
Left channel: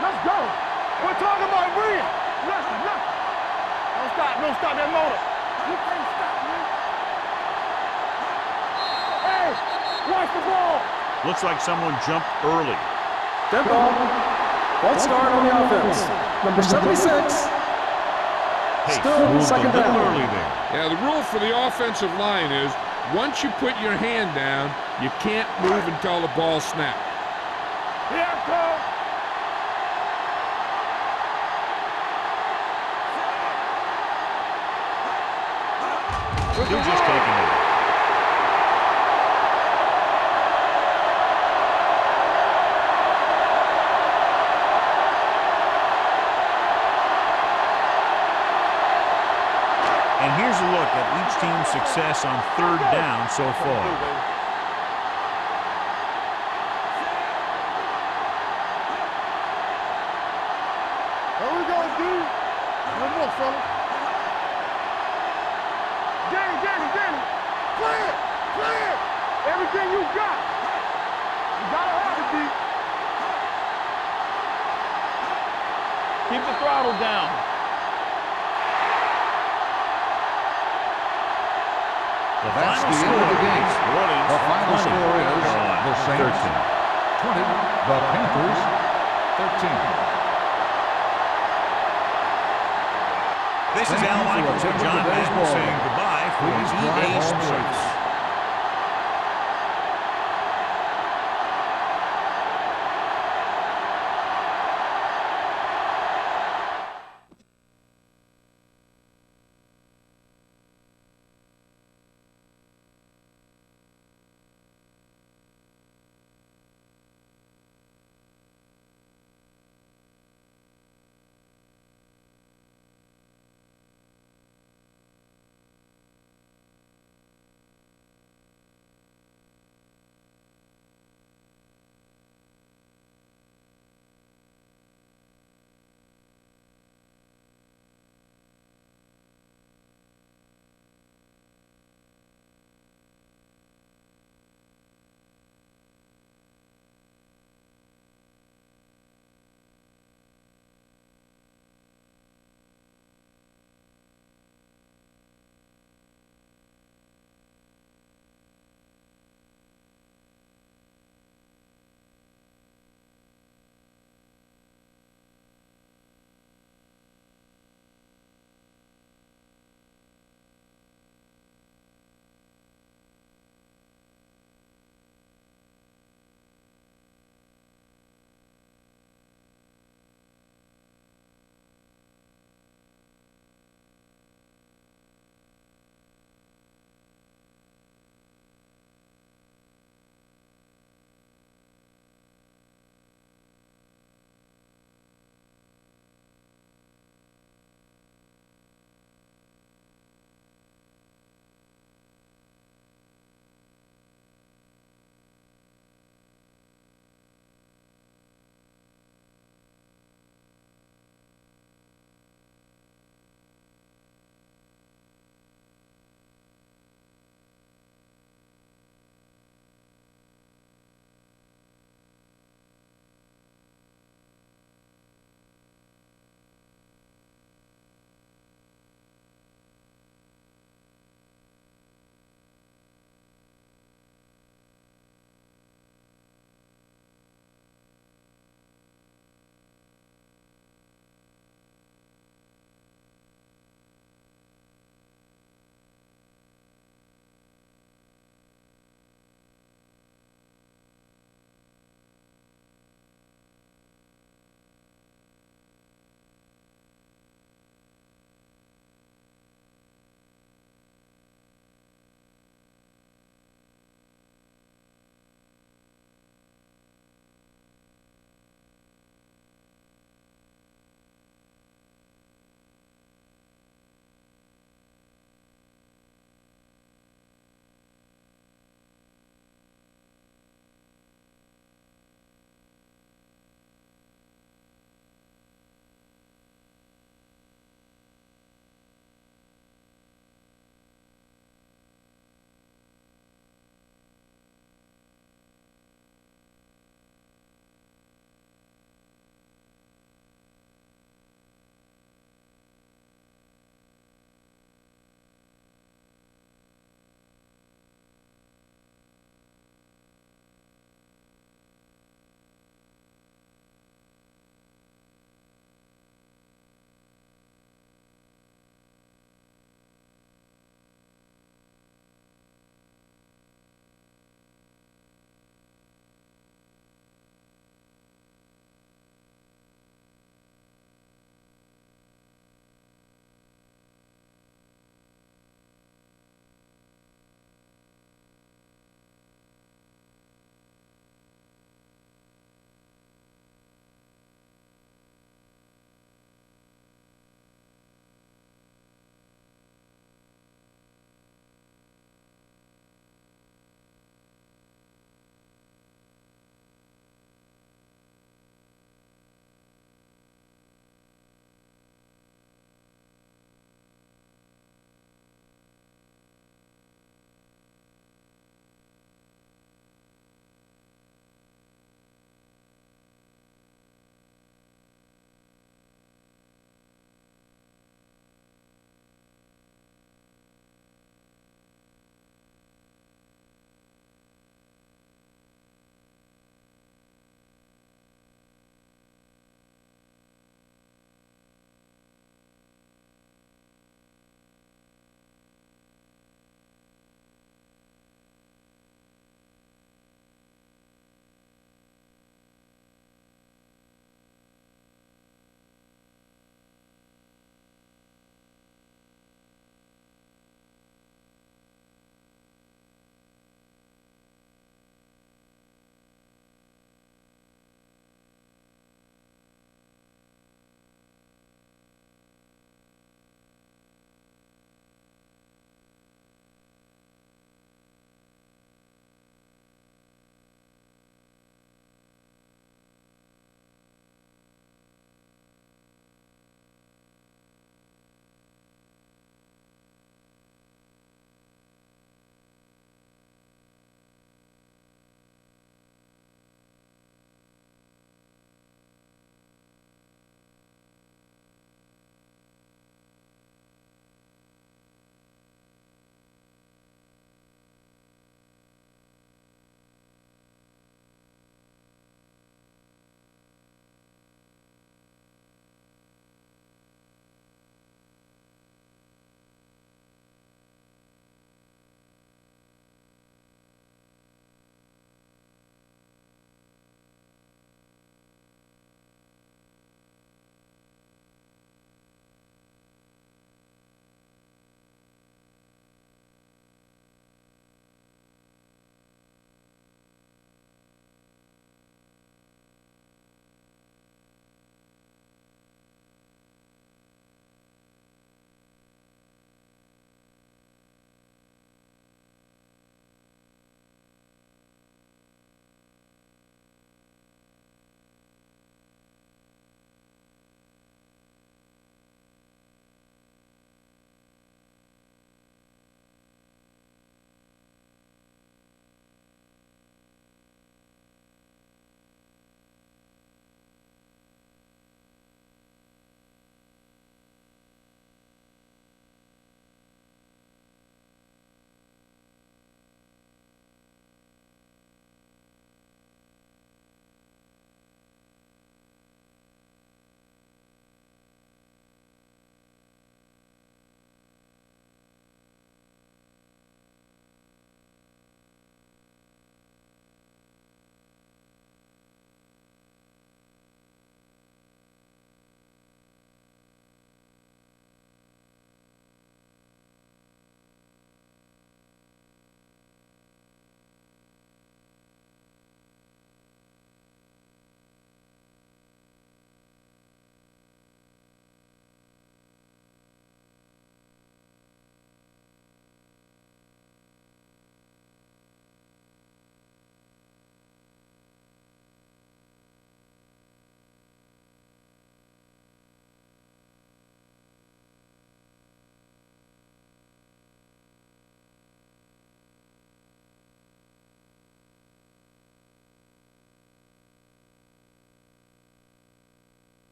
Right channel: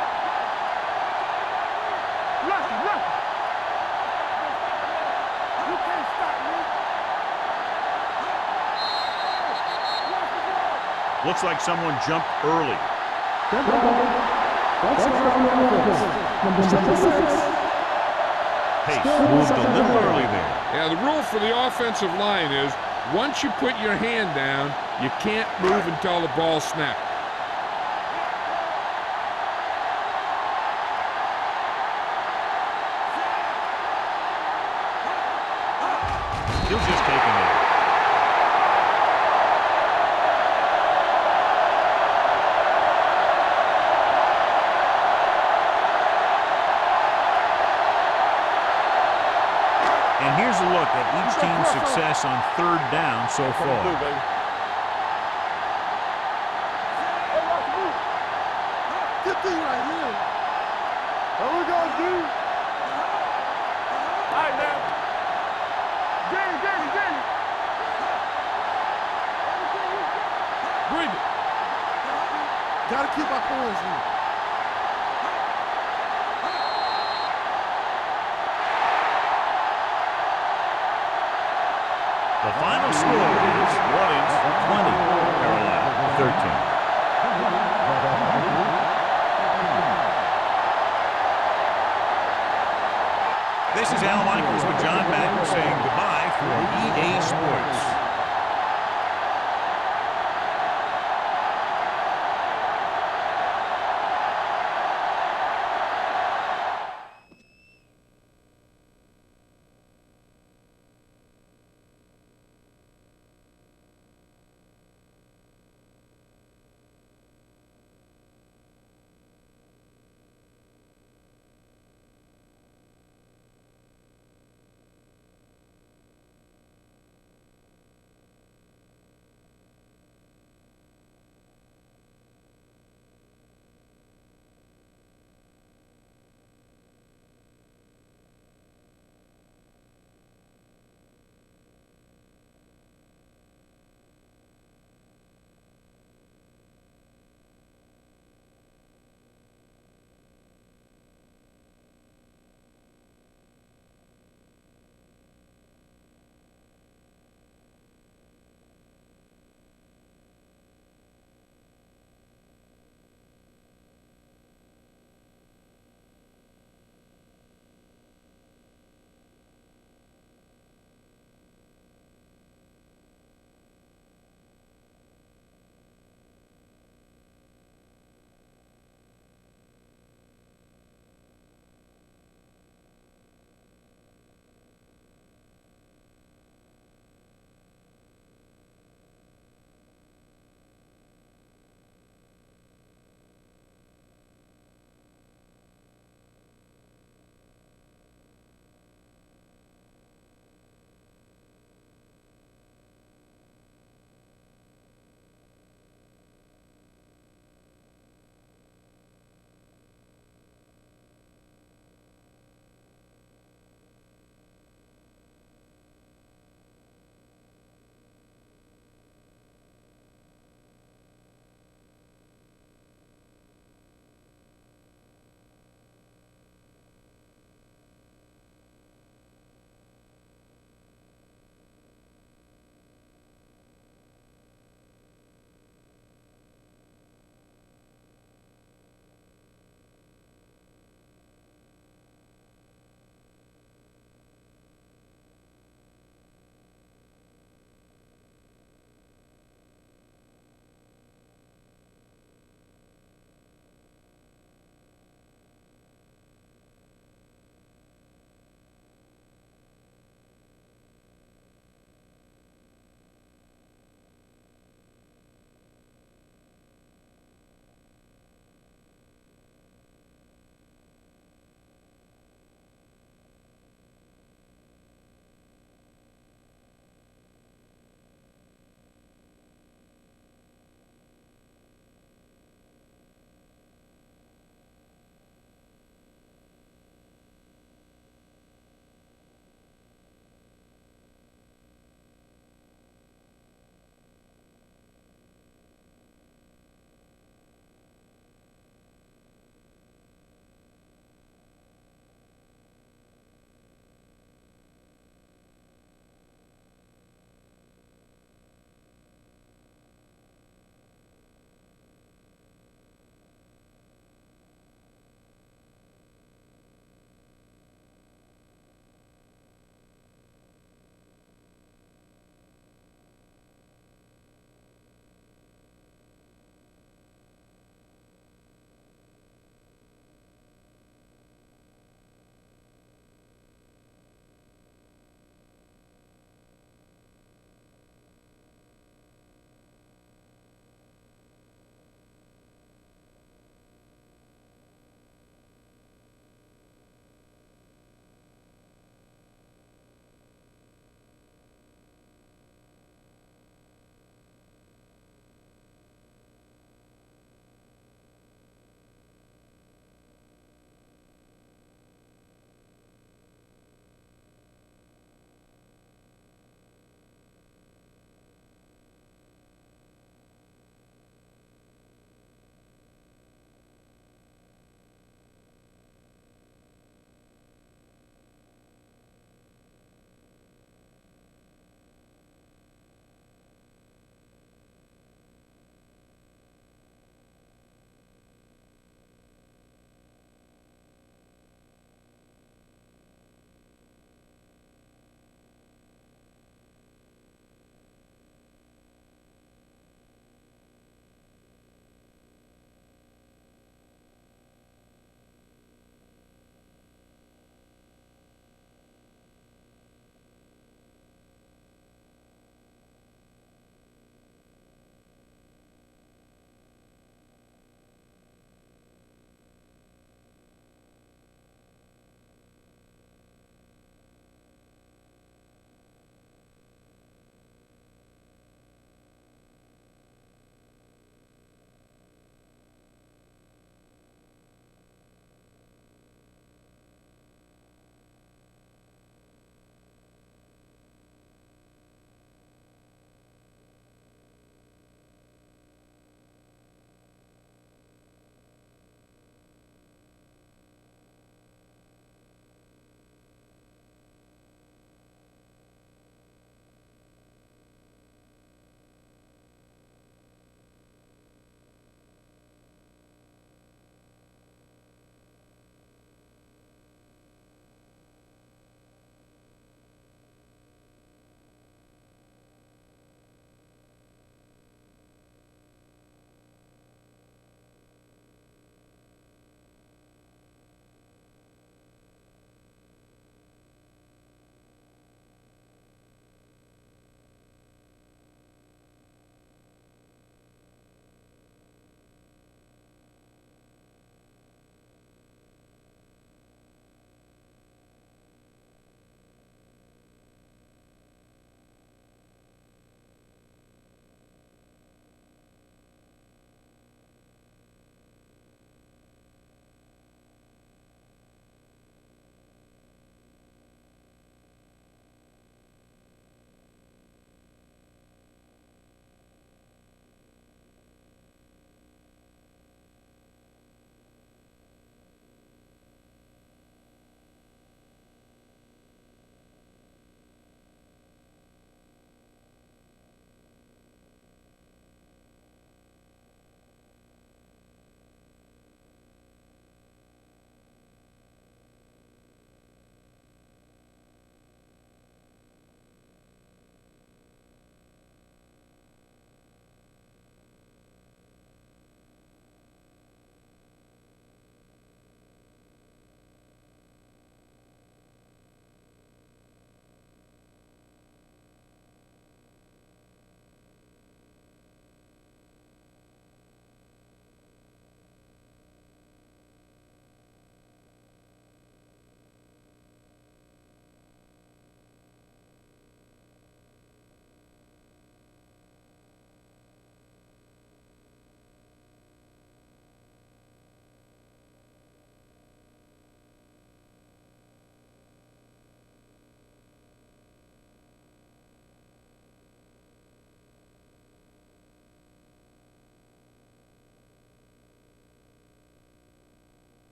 Let's go. We're talking about win. Listen. Don't stop that motor. You can't stop me. Hey, watch the ball. Looks like someone jumped early. Dead ball. False start on the offense. Number 76. Pace Still moved a second little down. early there. Yeah, the rule for the offensive line is once you put your hand down, you can't move until the ball snapped. Here I come. He'll just take a knee. And here's a look at each team's success on 3rd down so far. Here we go, D. Danny. Everything you got. Bring it. Gotta keep our points in. Keep the throttle down. The final score is New Orleans 20, Carolina 13. 20, the Panthers 13. This is Al Michaels with John Madden saying goodbye for EA Sports.